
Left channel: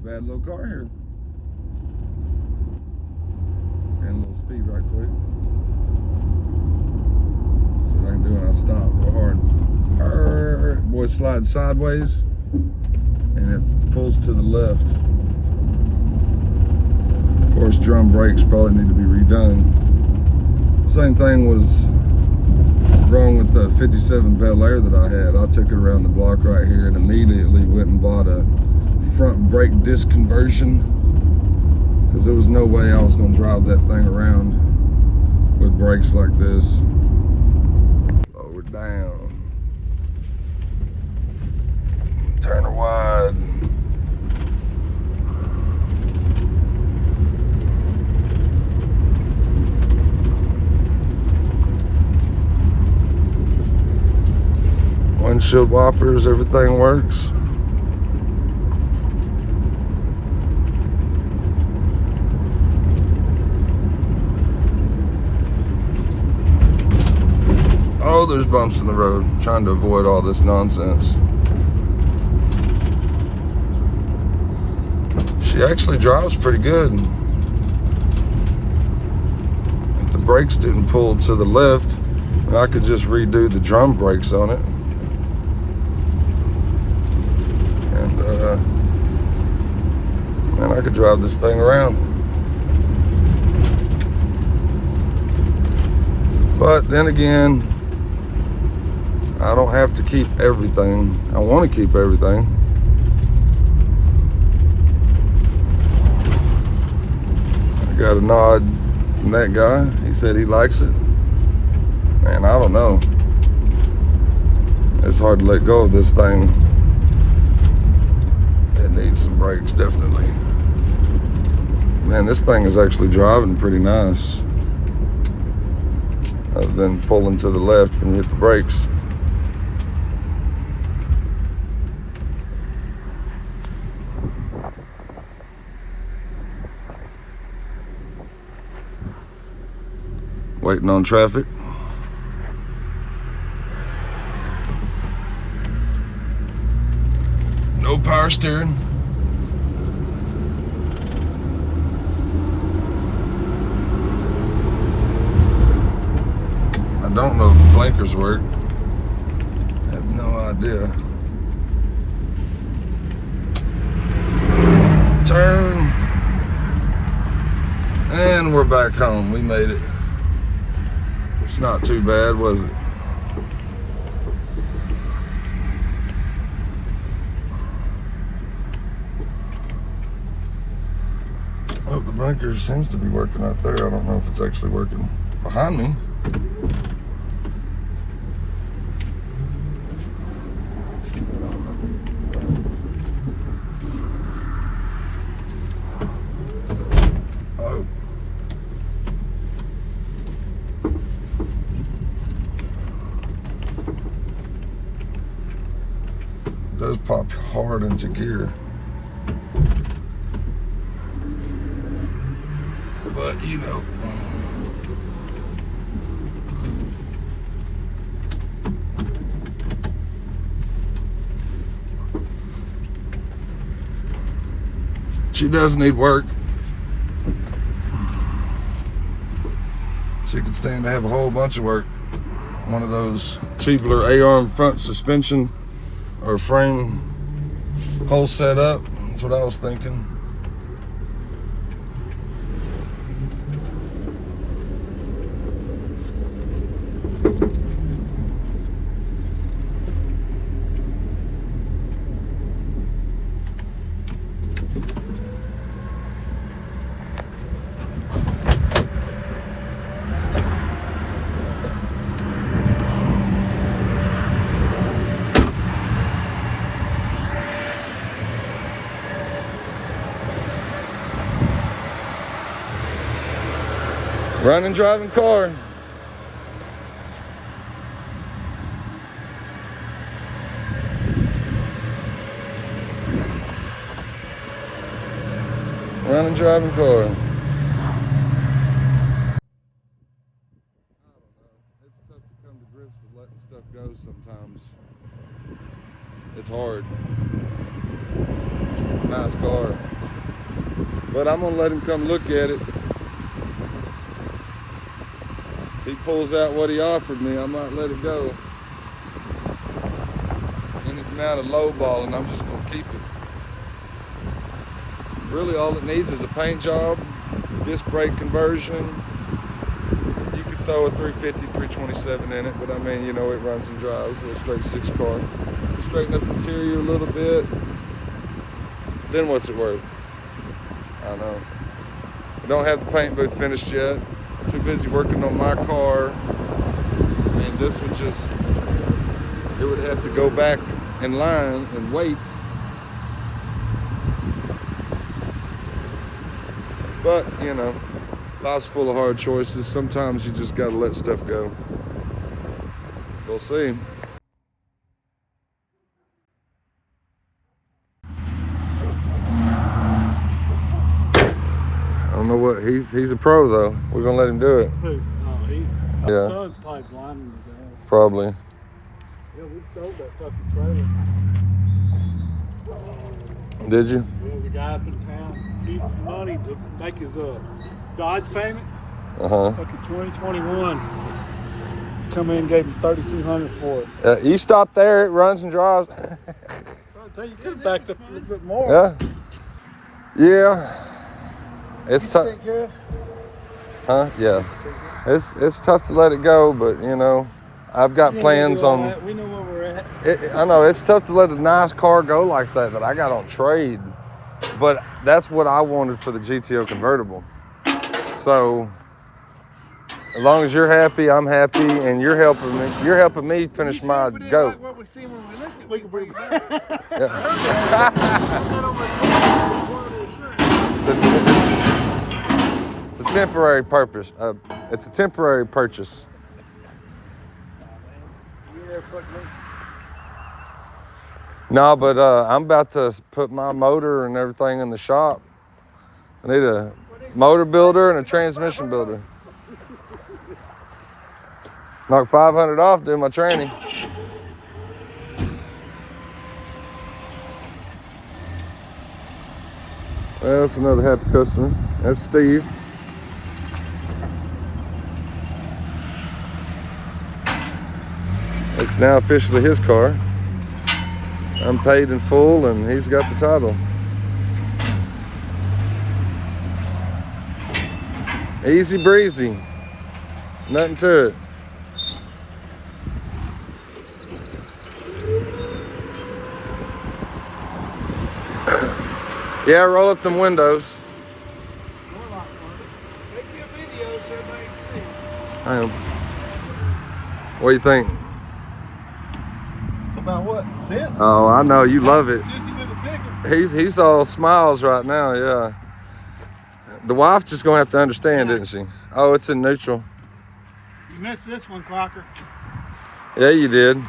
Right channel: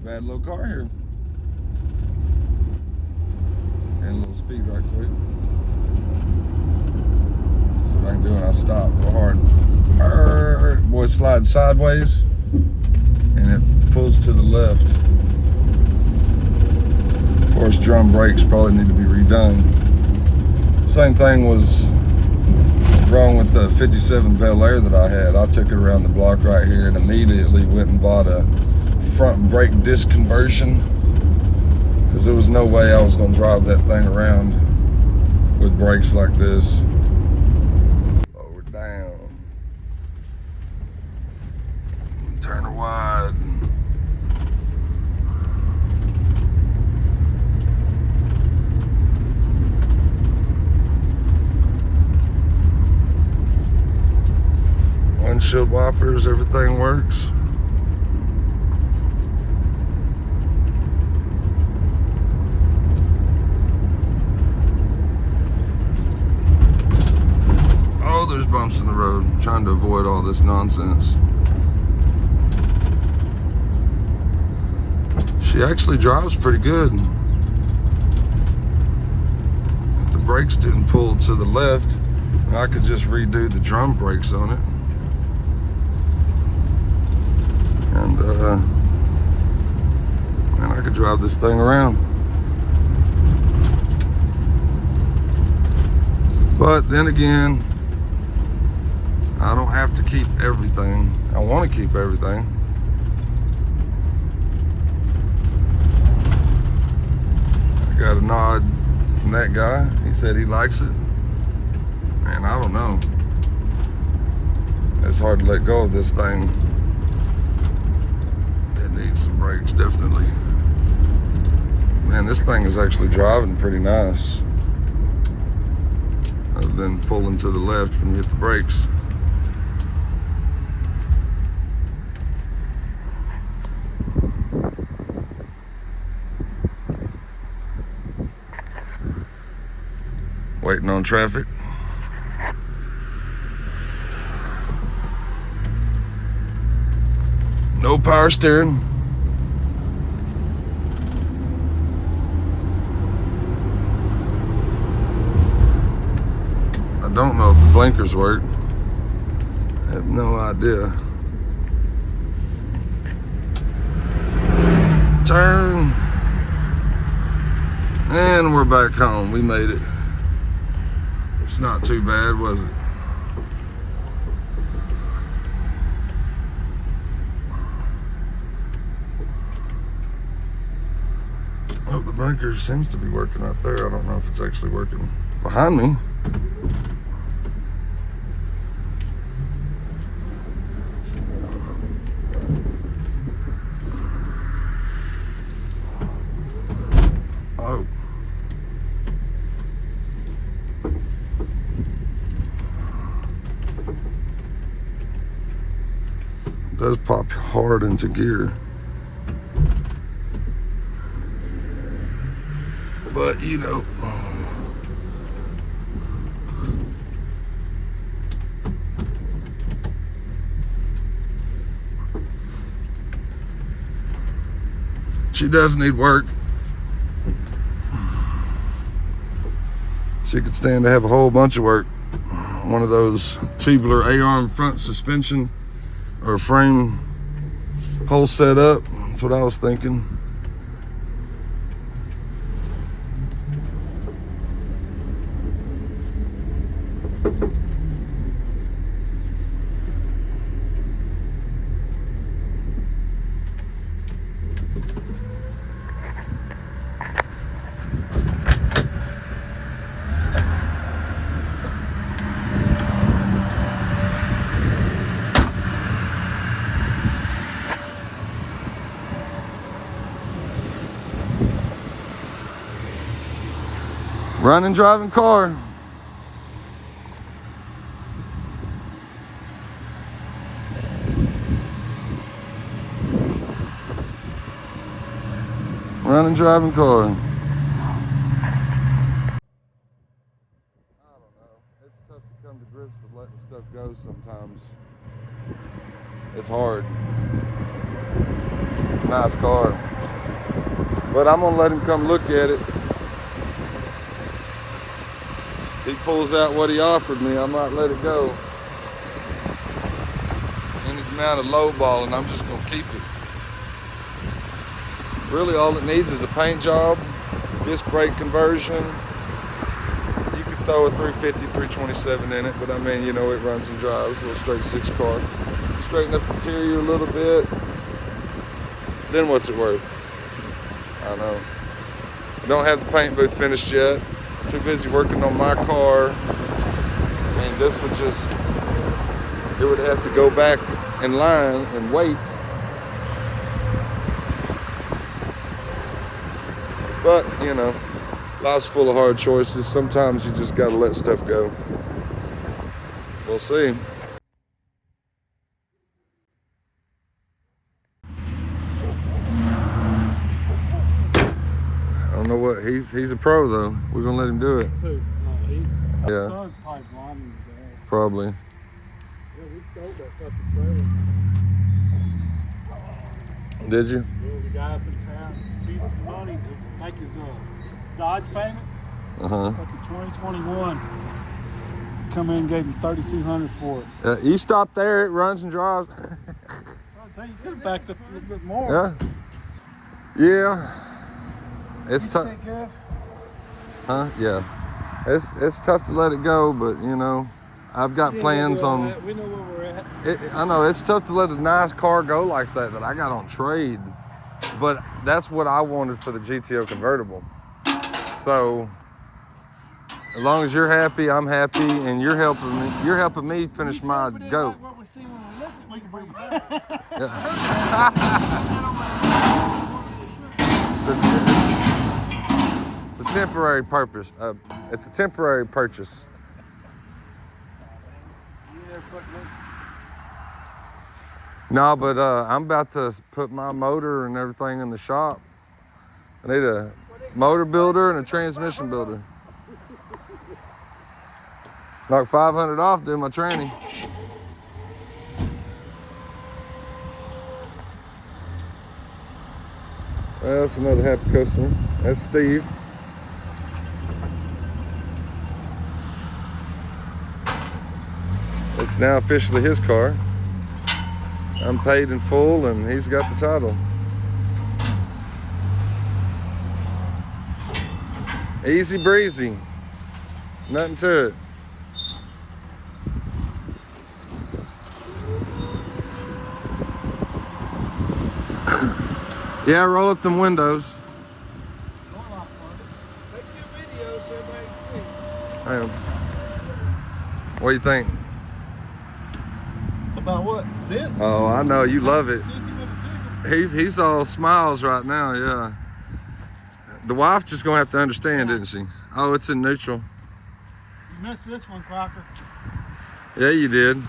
Bad little car here. And a little speed right quick. So what I can do when I stop hard. Boy, slides sideways and it pulls to the left. Of course, drum brakes probably need to be redone. Same thing was wrong with the 57 Bel Air that I had. I took it around the block right here and immediately went and bought a front brake disc conversion, because there was no way I was going to drive that thing around with brakes like this. Lower down. Turn her wide. Windshield wipers, everything works. Oh, there's bumps in the road. Trying to avoid all this nonsense. She actually drives pretty good. If the brakes didn't pull to the left, I could just redo the drum brakes on it. And man, I could drive this thing around. But then again, I don't have to keep everything. I want to keep everything. I got a nod from that guy. He said he likes it. Man, I don't know. It's hard to let go of this thing. It needs some brakes, definitely. Man, this thing is actually driving pretty nice. Other than pulling to the left when you hit the brakes. Waiting on traffic. No power steering. I don't know if the blinkers work. I have no idea. Turn. And we're back home. We made it. It's not too bad, was it? Oh, the blinker seems to be working out there. I don't know if it's actually working behind me. Oh. It does pop hard into gear. But you know, she does need work. She could stand to have a whole bunch of work. One of those tubular A-arm front suspension or frame whole setup. That's what I was thinking. Running, driving car. Running, driving car. I don't know. It's tough to come to grips with letting stuff go sometimes. It's hard. It's a nice car. But I'm gonna let him come look at it. He pulls out what he offered me, I might let it go. Anything out of lowball, and I'm just gonna keep it. Really, all it needs is a paint job, disc brake conversion. You could throw a 350, 327 in it, but I mean, you know, it runs and drives. A little straight 6 car. Straighten up the interior a little bit. Then what's it worth? I know. Don't have the paint booth finished yet. Too busy working on my car. I mean, this would just, it would have to go back in line and wait. But, you know, life's full of hard choices. Sometimes you just gotta let stuff go. We'll see. I don't know what, he's a pro though. We're gonna let him do it. Yeah. Probably. Yeah, we sold that fucking trailer. Did you? There was a guy up in town needed some money to make his Dodge payment. Uh-huh. Fucking 2021. Come in and gave him $3,200 for it. You stop there, it runs and drives. I tell you, could have backed up a little bit more. Yeah. Yeah. It's tough. Take care of. Huh? Yeah. It's tough to let it go, but you know, I've got plans on. We know where we're at. I know it's tough to let a nice car go like that I got on trade, but that's what I wanted for the GTO convertible. So as long as you're happy, I'm happy, and you're helping me finish my goat. What we see when we left it, we can bring it back. It's a temporary purpose. It's a temporary purchase. No, but I'm about to put my motor and everything in the shop. I need a motor builder and a transmission builder. Knock $500 off doing my training. Well, that's another happy customer. That's Steve. It's now officially his car. I'm paid in full and he's got the title. Easy breezy. Nothing to it. Yeah, roll up them windows. I am. What do you think? About what? This? Oh, I know you love it. He's all smiles right now. Yeah. The wife just gonna have to understand, isn't she? Oh, it's in neutral. You missed this one, Crocker. Yeah, you did.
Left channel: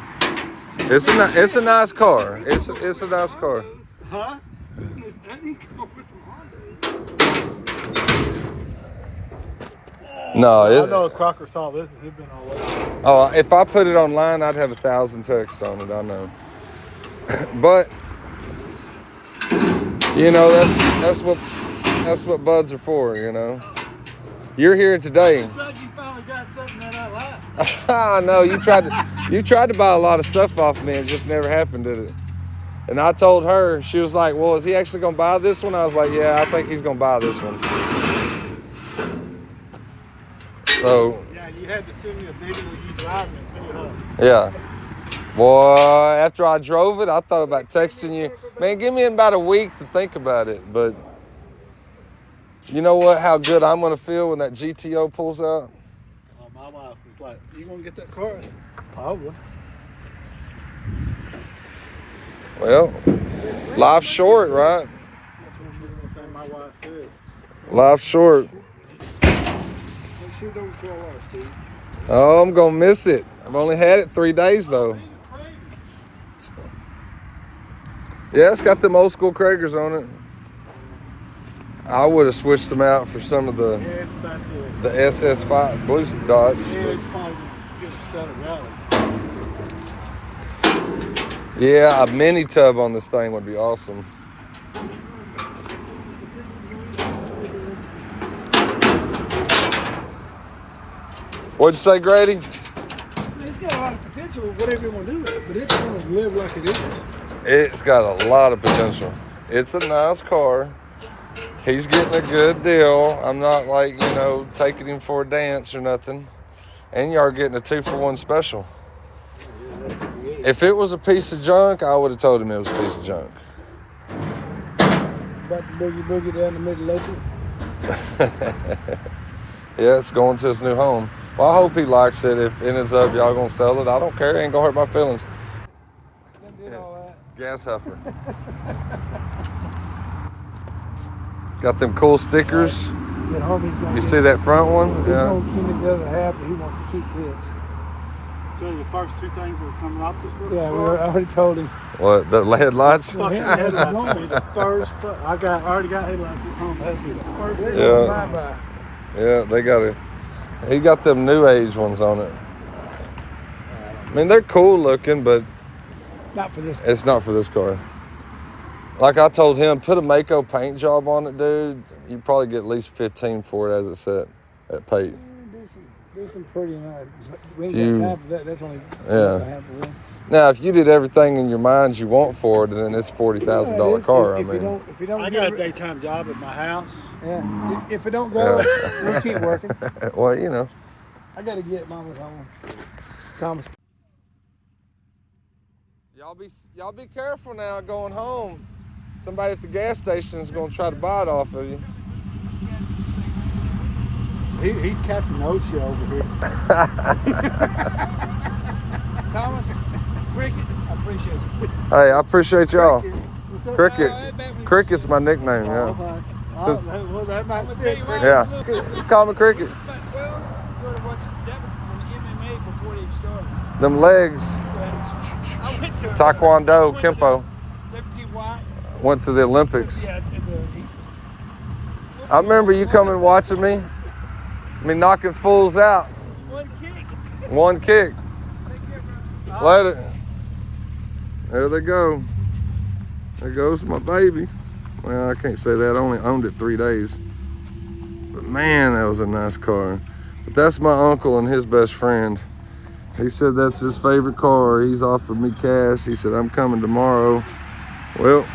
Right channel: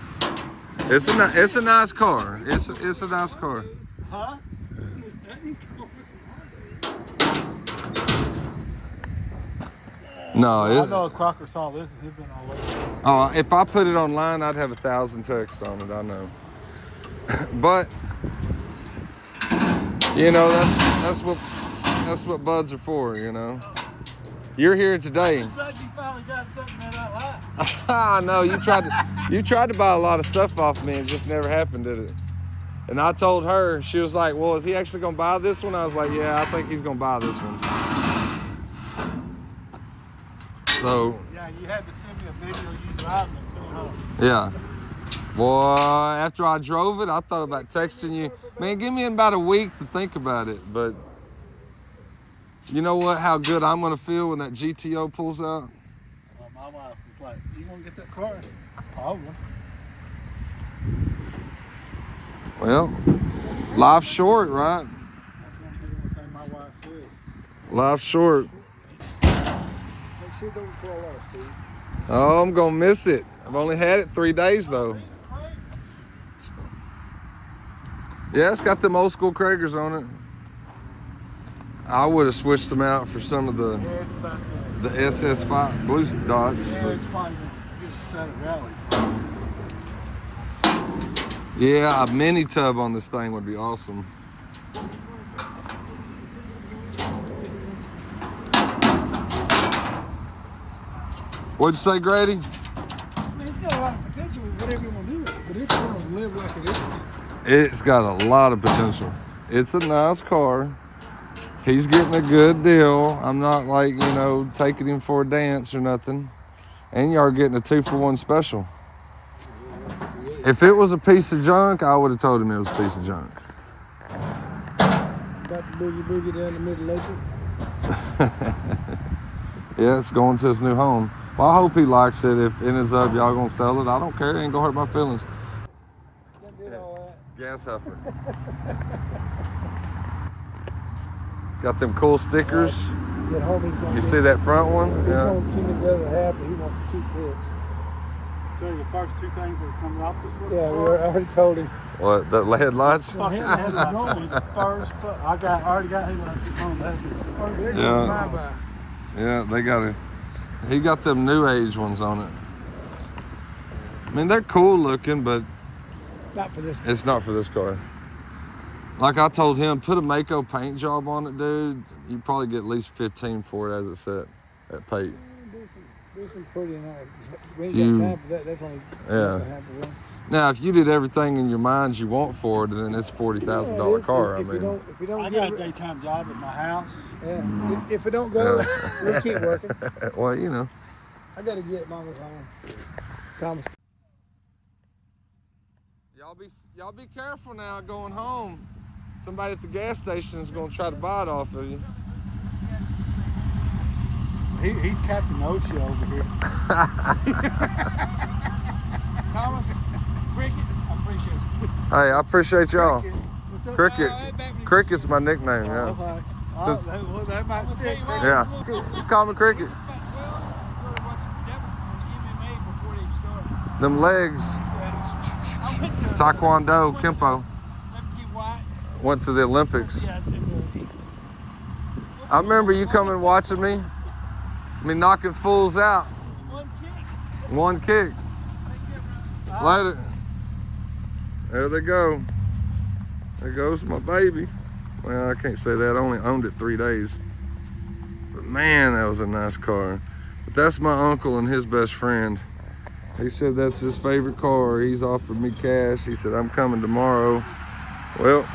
It's a nice car. It's a nice car. Huh? No, I know Crocker saw this and he'd been all over. Oh, if I put it online, I'd have 1,000 texts on it. I know. But you know, that's what buds are for. You know, you're here today. I'm glad you finally got something that I like. I know you tried to buy a lot of stuff off me, and it just never happened, did it? And I told her, she was like, "Well, is he actually gonna buy this one?" I was like, "Yeah, I think he's gonna buy this one." So Yeah, you had to send me a video of you driving it too, huh? yeah, boy. After I drove it, I thought about texting you. Man, give me about a week to think about it. But you know what? How good I'm gonna feel when that GTO pulls out. My wife was like, "You gonna get that car?" I said, "Probably." Well, life's short, right? That's one thing my wife says. Life's short. You sure don't feel like Steve. Oh, I'm gonna miss it. I've only had it 3 days though. Yeah, it's got them old school Kragers on it. I would have switched them out for some of Yeah, it's about the SS5 blue dots. yeah, But it's probably gonna get a set of rallies. yeah, a mini tub on this thing would be awesome. What'd you say, Grady? It's got a lot of potential, whatever you want to do with it, but it's going to live like it is. It's got a lot of potential. It's a nice car. He's getting a good deal. I'm not like, taking him for a dance or nothing. And y'all getting a 2-for-1 special. If it was a piece of junk, I would have told him it was a piece of junk. About to boogie down to Mid-Local. Yeah, it's going to his new home. Well, I hope he likes it. If it ends up y'all gonna sell it, I don't care. It ain't gonna hurt my feelings. Yeah. Gas huffer. Got them cool stickers. You see that front one? Yeah. Tell you the first two things that are coming off this fucking car. I already told him. What, the headlights? Fucking headlights gonna be the first. I already got headlights. It's gonna be the first thing Yeah. on my mind. Yeah, he got them new age ones on it. I mean, they're cool looking, but Not for this. it's not for this car. Like I told him, put a Mako paint job on it, dude. You'd probably get at least 15 for it as it's set at paint. There's some pretty nice. We ain't You- got time for that. That's only Yeah. half of one. Now, if you did everything in your mind you want for it, then it's $40,000 car. I mean, If you don't I got a daytime job at my house. Yeah. If it don't go, Yeah. we'll keep working. well, I gotta get Mama's home. Thomas. Y'all be careful now going home. Somebody at the gas station is gonna try to buy it off of you. He's Captain O'Shea over here. Thomas, Cricket, I appreciate it. Hey, I appreciate y'all. Cricket. Cricket's my nickname, yeah. Since- Well, that might stick. Yeah. You call me Cricket. Them legs, Taekwondo, Kempo, went to the Olympics. I remember you coming watching me knocking fools out. One kick. Later. There they go. There goes my baby. Well, I can't say that. I only owned it 3 days. But man, that was a nice car. But that's my uncle and his best friend. He said that's his favorite car. He's offered me cash. He said, I'm coming tomorrow. Well,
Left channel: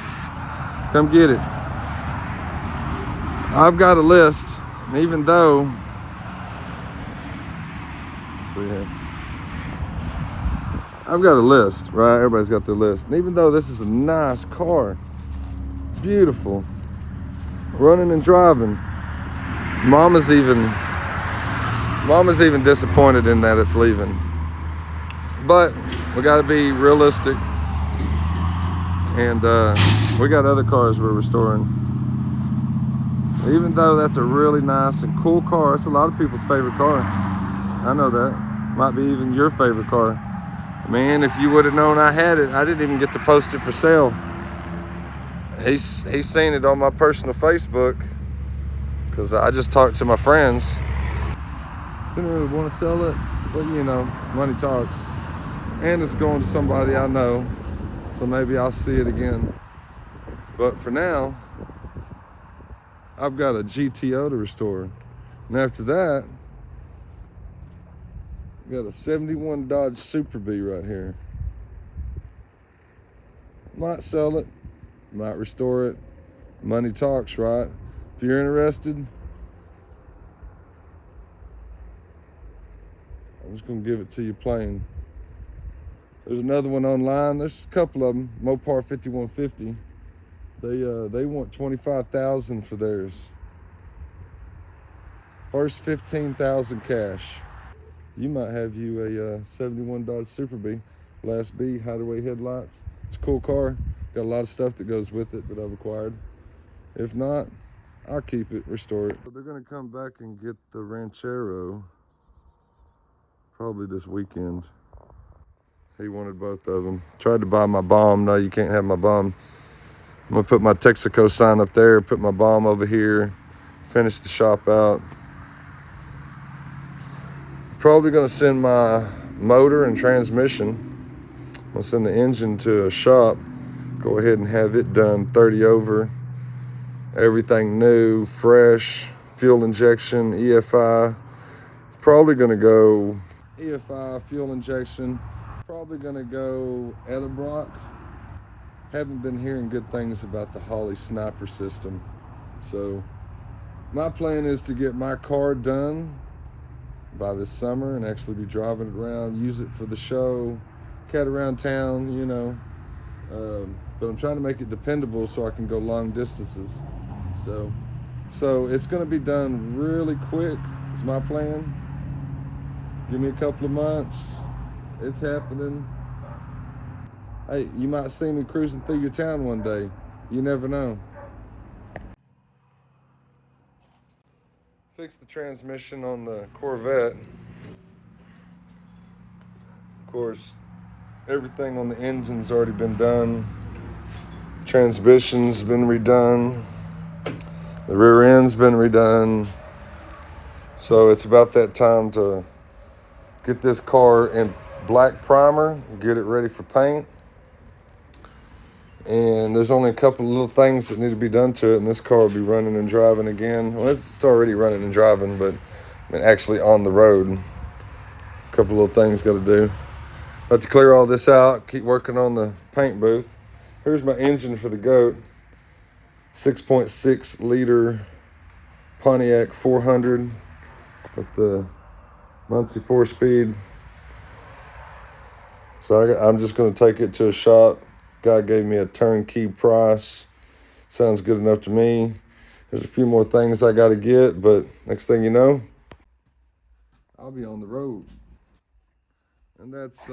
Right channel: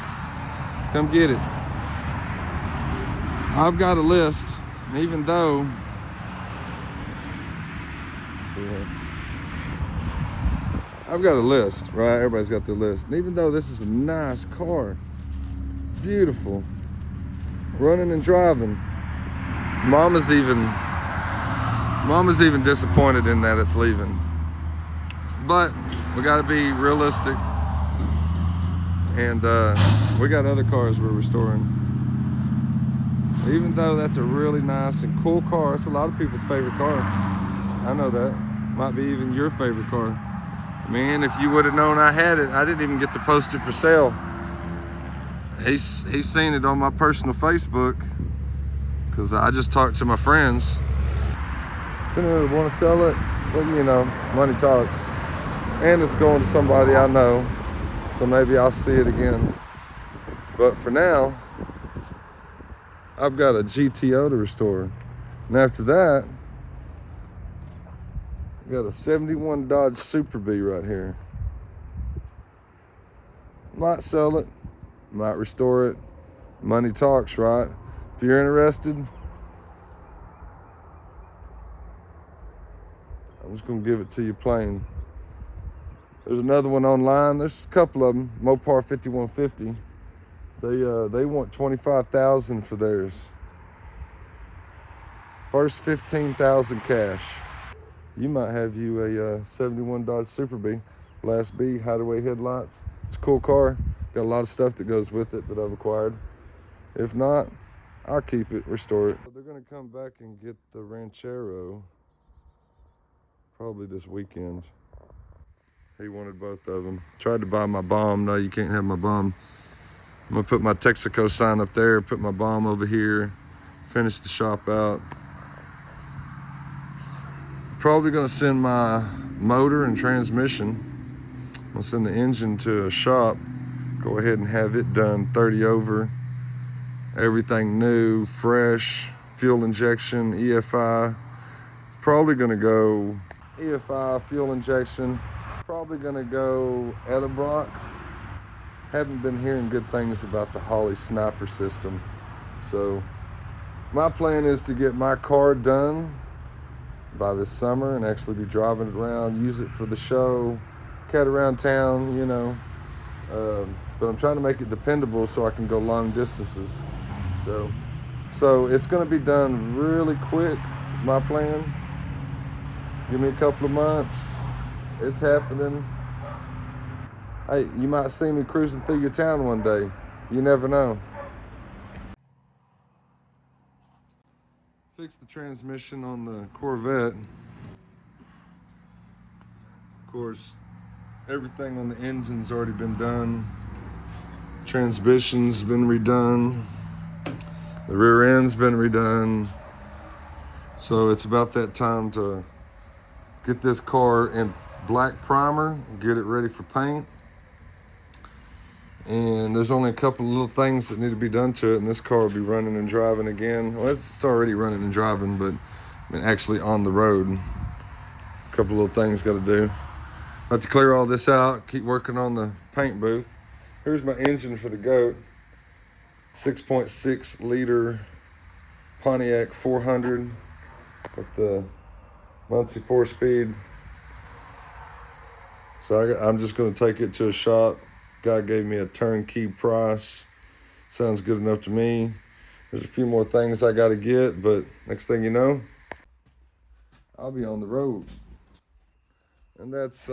come get it. I've got a list, even though, I've got a list, right? Everybody's got their list. And even though this is a nice car, beautiful, running and driving, Mama's even disappointed in that it's leaving. But we got to be realistic, and we got other cars we're restoring. Even though that's a really nice and cool car, it's a lot of people's favorite car. I know that. Might be even your favorite car. Man, if you would have known I had it, I didn't even get to post it for sale. He's seen it on my personal Facebook, because I just talked to my friends. Didn't really want to sell it, but money talks. And it's going to somebody I know, so maybe I'll see it again. But for now, I've got a GTO to restore. And after that, Got a 71 Dodge Super B right here. Might sell it, might restore it. Money talks, right? If you're interested, I'm just gonna give it to you plain. There's another one online. There's a couple of them. Mopar 5150. They want $25,000 for theirs. First 15,000 cash. You might have you a 71 Dodge Super B, Class B, hideaway headlights. It's a cool car. Got a lot of stuff that goes with it that I've acquired. If not, I'll keep it, restore it. They're gonna come back and get the Ranchero probably this weekend. He wanted both of them. Tried to buy my bomb. No, you can't have my bomb. I'm gonna put my Texaco sign up there, put my bomb over here, finish the shop out. Probably gonna send my motor and transmission. I'll send the engine to a shop, go ahead and have it done 30 over. Everything new, fresh, fuel injection, EFI. Probably gonna go EFI, fuel injection. Probably gonna go Edelbrock. Haven't been hearing good things about the Holley Sniper system. So my plan is to get my car done by this summer and actually be driving it around, use it for the show, cat around town, you know. But I'm trying to make it dependable so I can go long distances. So it's gonna be done really quick, is my plan. Give me a couple of months, it's happening. Hey, you might see me cruising through your town one day. You never know. Fixed the transmission on the Corvette. Of course, everything on the engine's already been done. Transmission's been redone. The rear end's been redone. So it's about that time to get this car in black primer, get it ready for paint. And there's only a couple of little things that need to be done to it, and this car will be running and driving again. Well, it's already running and driving, but I mean, actually on the road. A couple of little things got to do. About to clear all this out, keep working on the paint booth. Here's my engine for the goat. 6.6 liter Pontiac 400 with the Muncie 4-speed. So I'm just going to take it to a shop. Guy gave me a turnkey price. Sounds good enough to me. There's a few more things I got to get, but next thing you know, I'll be on the road. And that's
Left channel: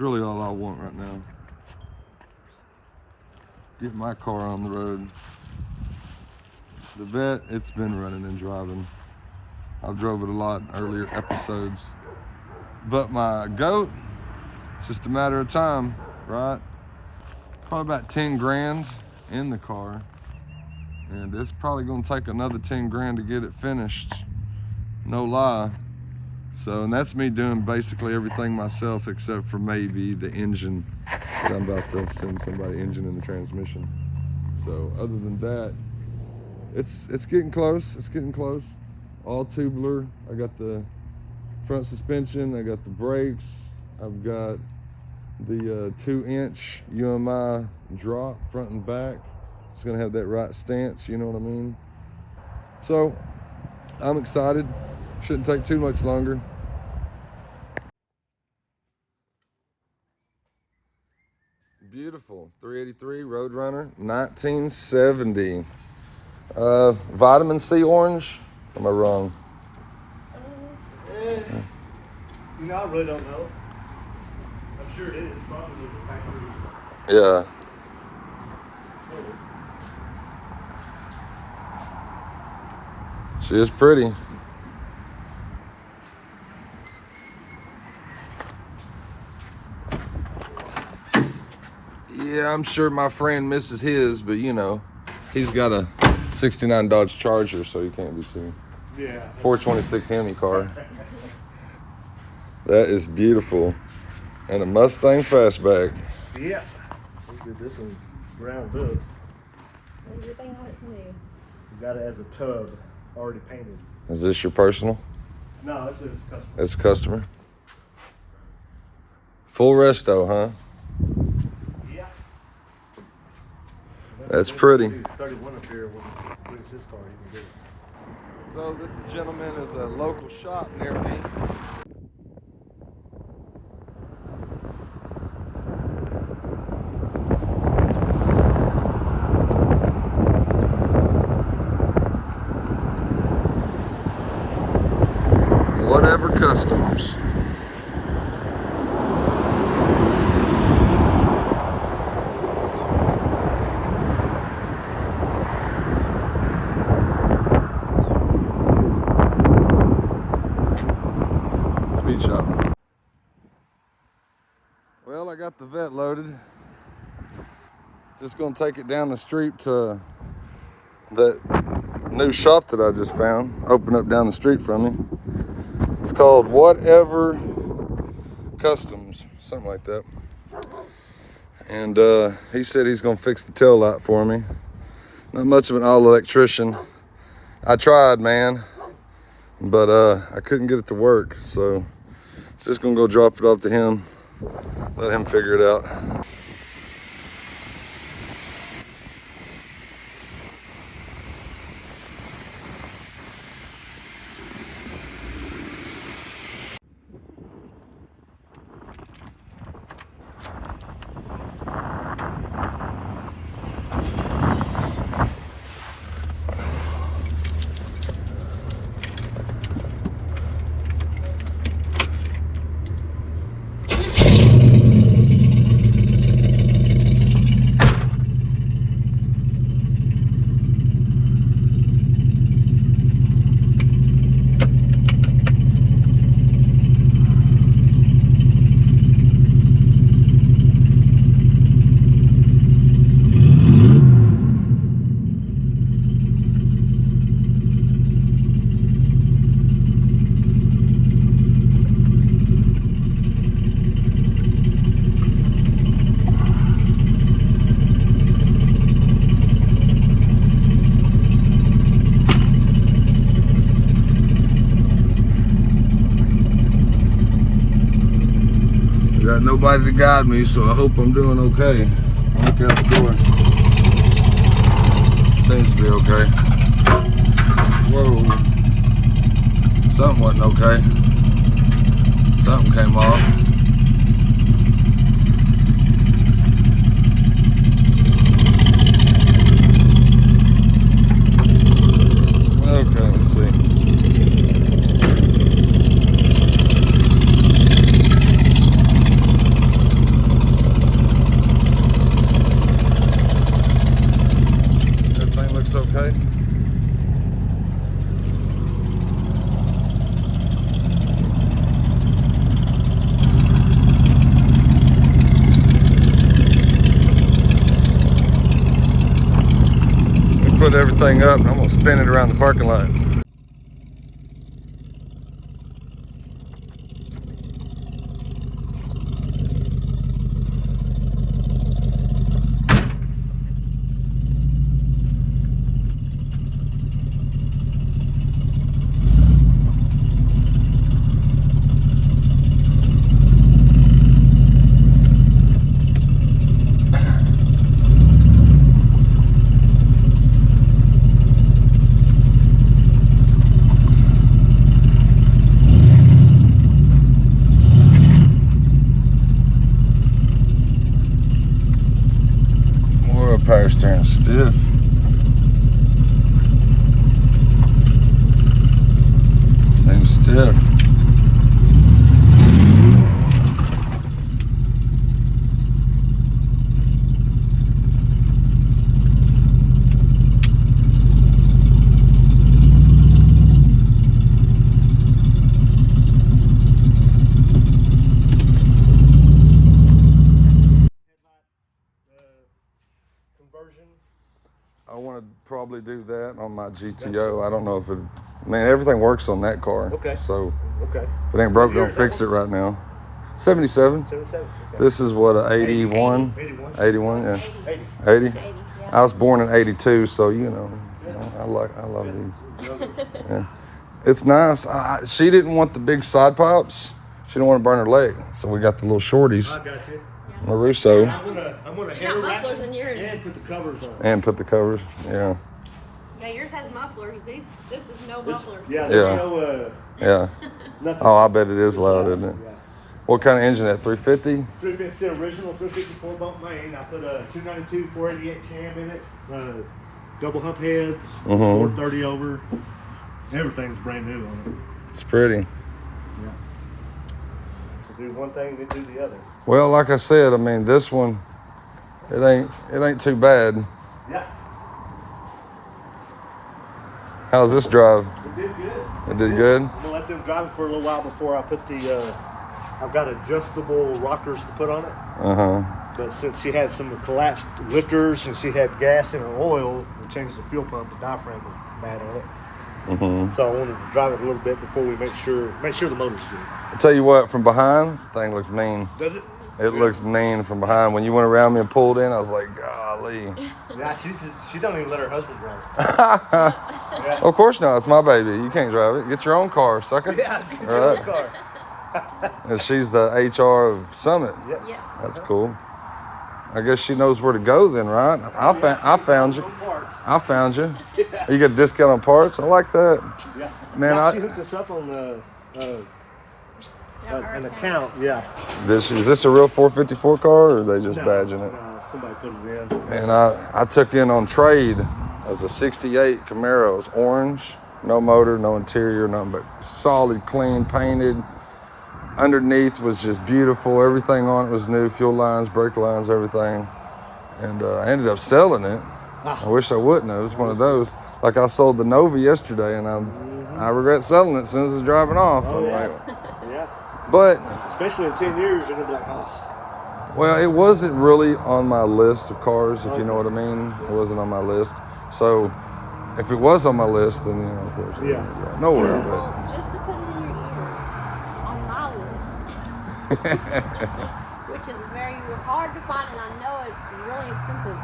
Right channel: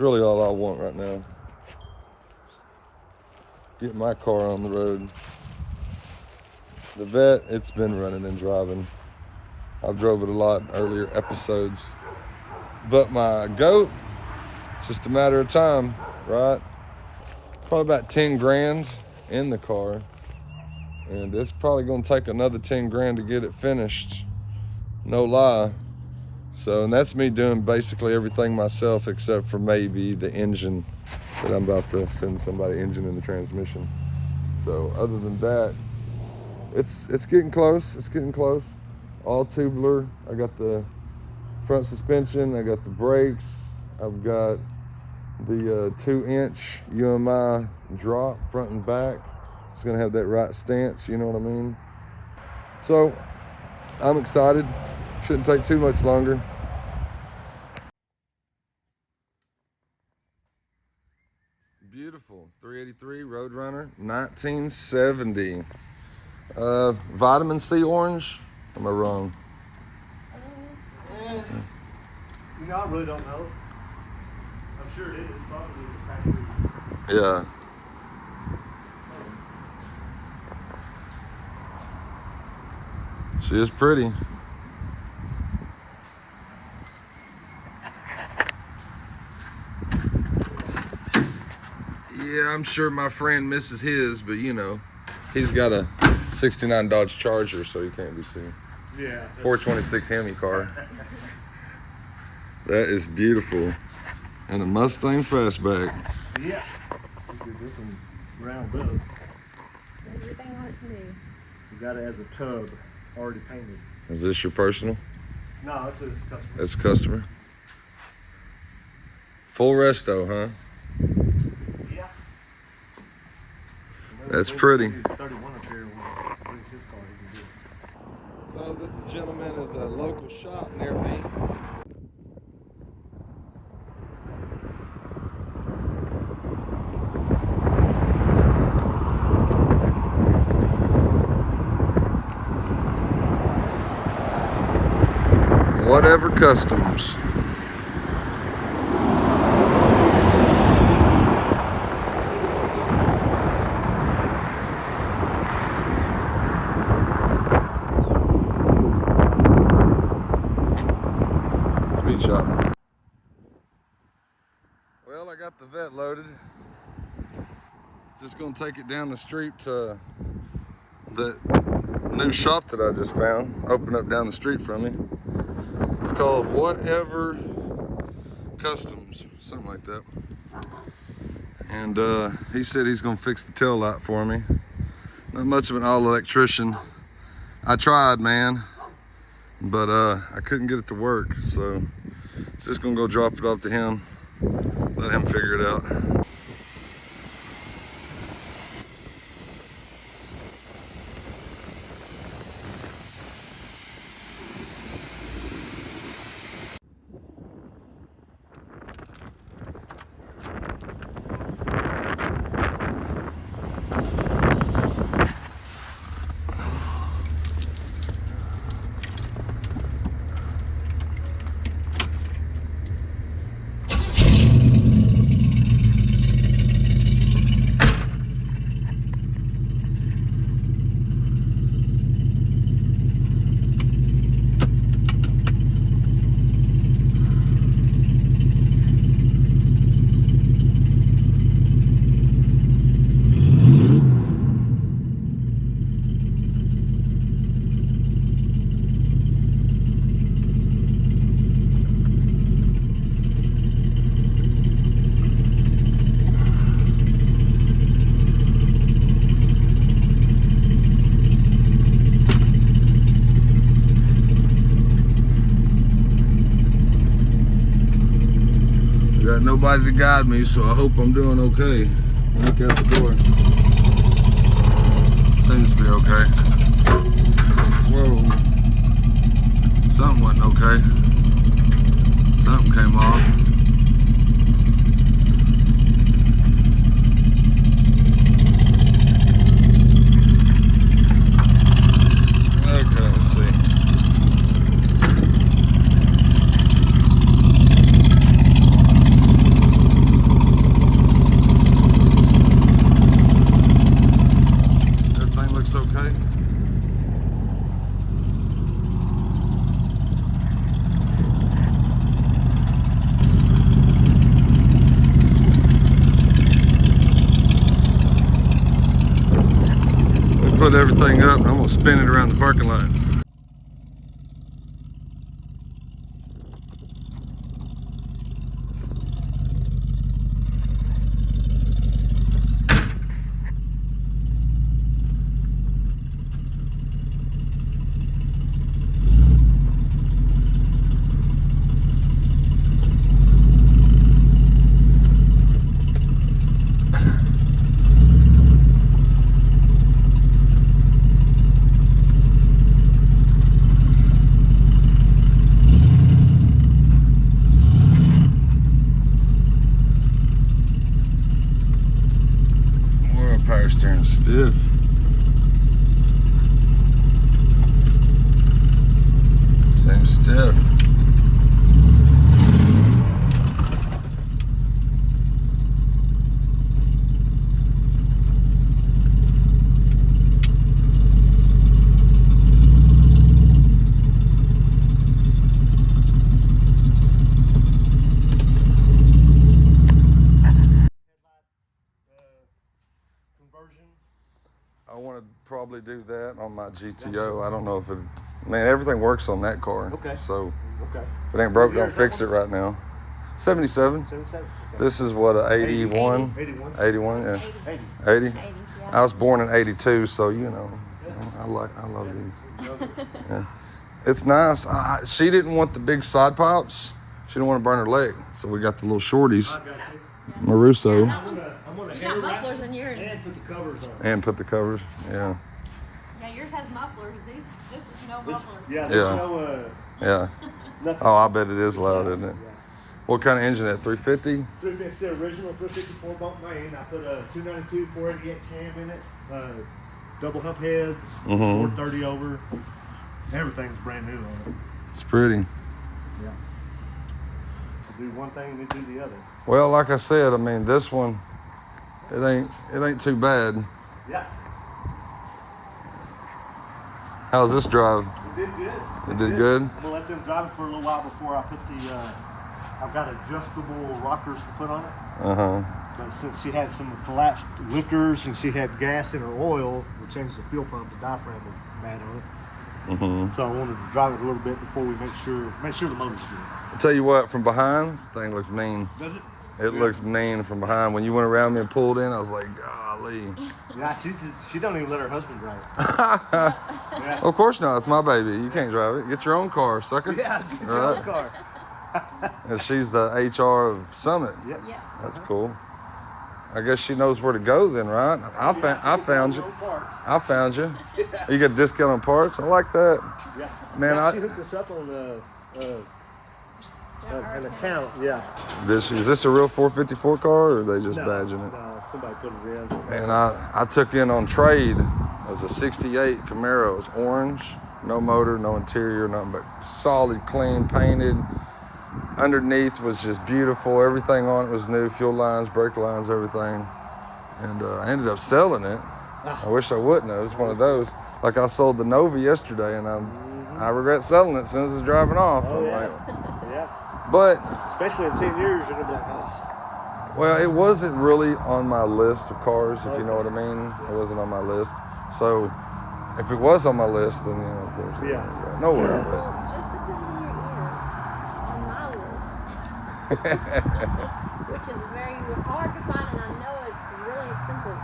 really all I want right now. Get my car on the road. The Vet, it's been running and driving. I've drove it a lot in earlier episodes. But my goat, it's just a matter of time, right? Probably about 10 grand in the car. And it's probably gonna take another 10 grand to get it finished. No lie. So, and that's me doing basically everything myself except for maybe the engine. That I'm about to send somebody engine in the transmission. So other than that, it's getting close, it's getting close. All tubular. I got the front suspension, I got the brakes, I've got the 2-inch UMI drop front and back. It's gonna have that right stance, you know what I mean? So I'm excited. Shouldn't take too much longer. Beautiful 383 Roadrunner 1970. Vitamin C orange? Am I wrong? You know, I really don't know. I'm sure it is. Probably the factory. Yeah. She is pretty. Yeah, I'm sure my friend misses his, but you know, he's got a 69 Dodge Charger, so he can't be too. Yeah. 426 Hemi car. That is beautiful. And a Mustang Fastback. Yeah. Let's get this one round up. Everything like new. You got it as a tub, already painted. Is this your personal? No, it's a customer. That's a customer. Full resto, huh? Yeah. That's pretty. 31 up here. When it's his car, he can do it. So this gentleman is a local shop near me. Whatever Customs. Speed shop. Well, I got the vet loaded. Just gonna take it down the street to that new shop that I just found. Open up down the street from me. It's called Whatever Customs, something like that. And he said he's gonna fix the tail light for me. Not much of an all electrician. I tried, man, but I couldn't get it to work. So it's just gonna go drop it off to him, let him figure it out. Got nobody to guide me, so I hope I'm doing okay. Look out the door. Seems to be okay. Whoa. Something wasn't okay. Something came off. Okay, let's see. Everything looks okay. We put everything up and I'm gonna spin it around the parking lot. Power steering stiff. Same stiff. Conversion. I want to probably do that on my GTO. I don't know if it, I mean, everything works on that car. Okay. So Okay. if it ain't broke, What year don't is that fix it one? right now. 77. 77. Okay. This is what, a 81? 81. 81, yeah. 80. 80? 80, yeah. I was born in 82, so you know I love these. Yeah. It's nice. She didn't want the big side pops. She didn't want to burn her leg. So we got the little shorties. I got you. Maruso. I'm gonna You hair got wrap mufflers in yours. and put the covers on. And put the covers. Yeah. Yeah, yours has mufflers. This is no muffler. Yeah. Yeah. No, Yeah. nothing. Oh, I bet it is loud, isn't it? What kind of engine? That 350? 350 original 354 bump main. I put a 292 488 cam in it. Double hump heads. 430 over. Everything's brand new on It's pretty. it. Yeah. To do one thing, they do the other. Well, like I said, I mean, this one, it ain't too bad. Yeah. How's this drive? It did good. It did good? I'm gonna let them drive it for a little while before I put the. I've got adjustable rockers to put on it. Uh-huh. But since she had some collapsed lifters and she had gas in her oil, we changed the fuel pump. The diaphragm was bad on it. So I wanted to drive it a little bit before we make sure the motor's good. I tell you what, from behind, thing looks mean. Does it? It looks mean from behind. When you went around me and pulled in, I was like, golly. Yeah, she don't even let her husband drive it. Yeah. Of course not. It's my baby. You can't drive it. Get your own car, sucker. Yeah, get your own car. And she's the HR of Summit. Yep. Yeah. That's cool. I guess she knows where to go then, right? I found you. I found you. You get a discount on parts? I like that. Yeah. Man, She hooked us up on an account. Yeah. is this a real 454 car, or are they just badging it? Somebody put it in. And I took in on trade as a 68 Camaro. It was orange, no motor, no interior, nothing but solid, clean, painted. Underneath was just beautiful. Everything on it was new, fuel lines, brake lines, everything. And I ended up selling it. I wish I wouldn't have. It was one of those. Like I sold the Nova yesterday, and I regret selling it as soon as it's driving off. I'm like, Yeah. but, Especially in 10 years, you're gonna be like, oh. well, it wasn't really on my list of cars, if you know what I mean. It wasn't on my list. So if it was on my list, then, of course, it would go nowhere. But Just to put it in your ear, on my list, which is very hard to find, and I know it's really expensive.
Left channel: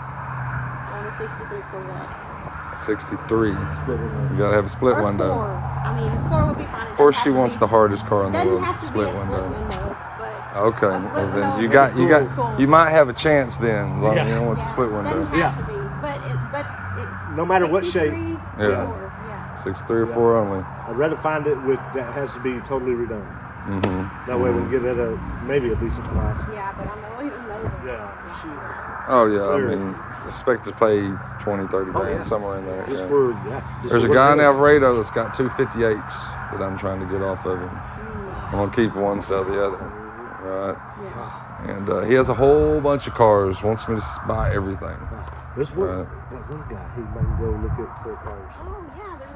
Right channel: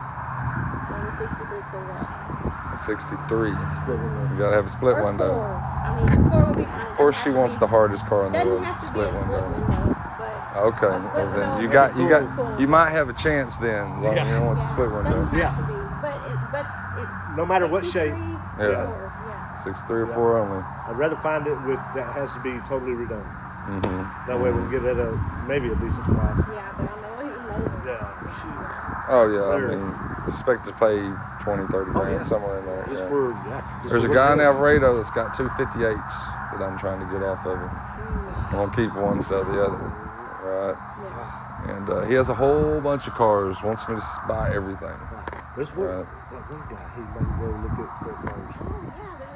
On the 63 Corvette. 63. You gotta have a split Or window. 4. I mean, 4 would be fine. Of course, she wants the hardest car in the world, split window. Okay, well then you might have a chance then, you know, with the split window. Yeah. No matter what shape. Yeah. 63 or 4 only. I'd rather find it with that has to be totally redone. That way we'll get it at maybe a decent price. Yeah, but I'm going to Yeah. Oh yeah, I mean, expect to pay 20, 30 grand, somewhere in there. Just yeah. for There's a for guy in what it is. Alvarado that's got 258s that I'm trying to get off of him. I'm gonna keep one, sell the other, right? And he has a whole bunch of cars, wants me to buy everything. This one, Right. that one guy, he might go look at their cars. Yeah,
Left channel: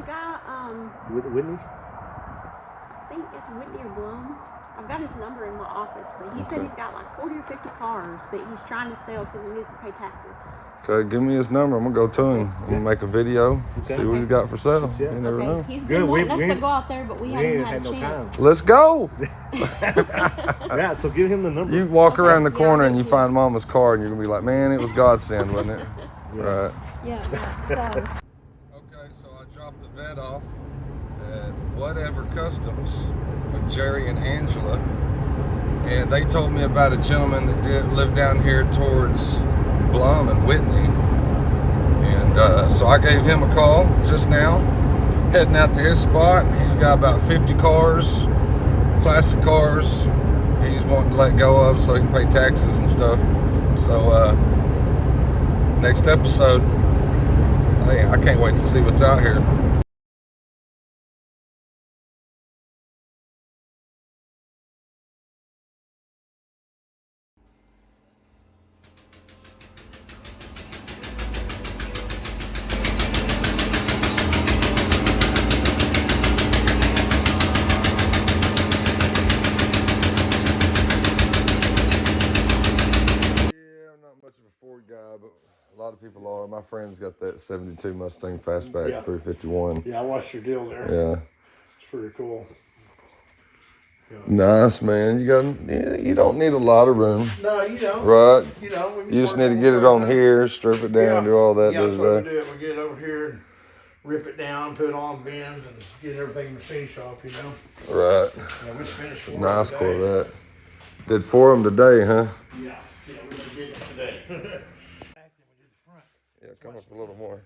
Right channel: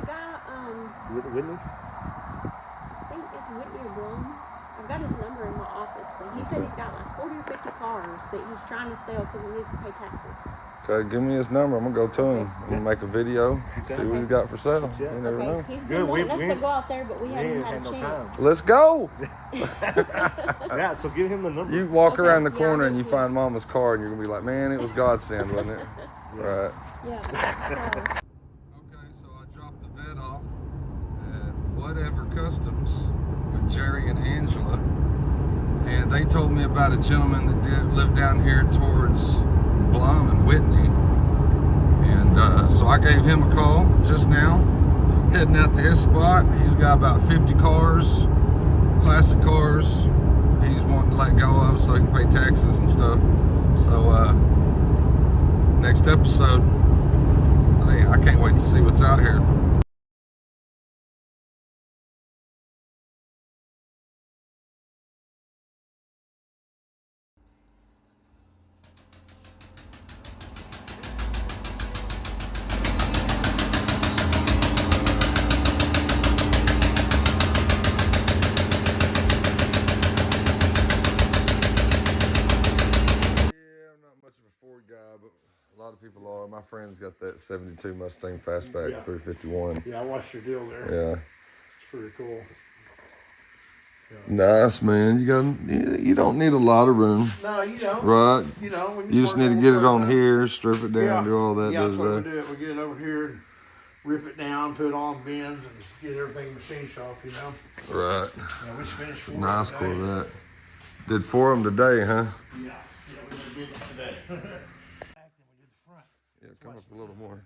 the guy, Whitney? I think it's Whitney or Blum. I've got his number in my office, but he said he's got like 40 or 50 cars that he's trying to sell because he needs to pay taxes. Okay, give me his number. I'm gonna go to him. I'm gonna make a video, see what he's got for sale. You never know. He's Good, been we- wanting us we- to go out there, but we haven't ain't had had a no chance. time. Let's go. Yeah, so give him the number. You walk around the corner and you find Mama's car, and you're gonna be like, man, it was godsend, wasn't it? Right. Yeah. So, Okay, so I dropped the vet off at Whatever Customs with Jerry and Angela, and they told me about a gentleman that lived down here towards Blum and Whitney, and so I gave him a call just now, heading out to his spot. He's got about 50 cars, classic cars, he's wanting to let go of so he can pay taxes and stuff. So next episode, I can't wait to see what's out here. Guy, but a lot of people are. My friend's got that 72 Mustang Fastback 351. Yeah, I watched your deal there. Yeah. It's pretty cool. Nice, man. You don't need a lot of room. No, you don't. Right. You know, when You just need to get it on here, strip it down, do all that. Yeah, that's what we do. We get it over here. rip it down, put it on bins, and get everything machine shop, you know. Right. Yeah, we just finished It's a work nice today. Corvette. Did 4 of them today, huh? Yeah, we done did it today. Yeah, come up a little more.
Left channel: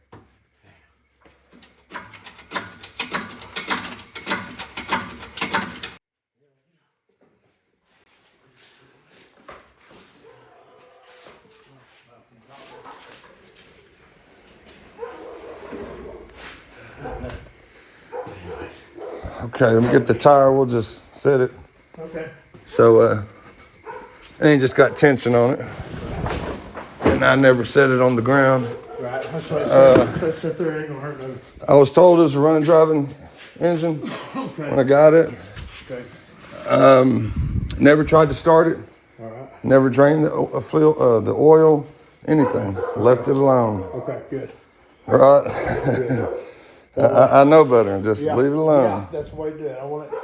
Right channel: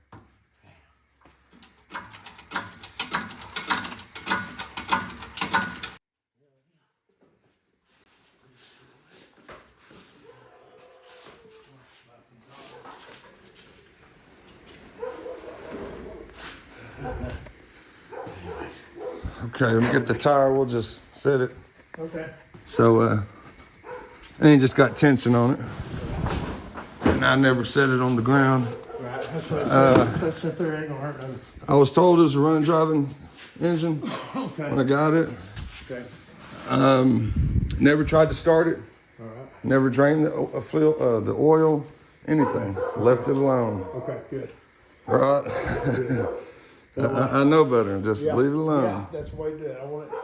Okay, let me get the tire. We'll just set it. Okay. So, and it just got tension on it. And I never set it on the ground. Right, that's what I said there, ain't gonna hurt nothing. I was told it was a running driving engine when I got it. Okay. Never tried to start it. All right. Never drained the oil, anything. Left it alone. Okay, good. Right? I know better. Just leave it alone. Yeah, that's the way to do it. I want it.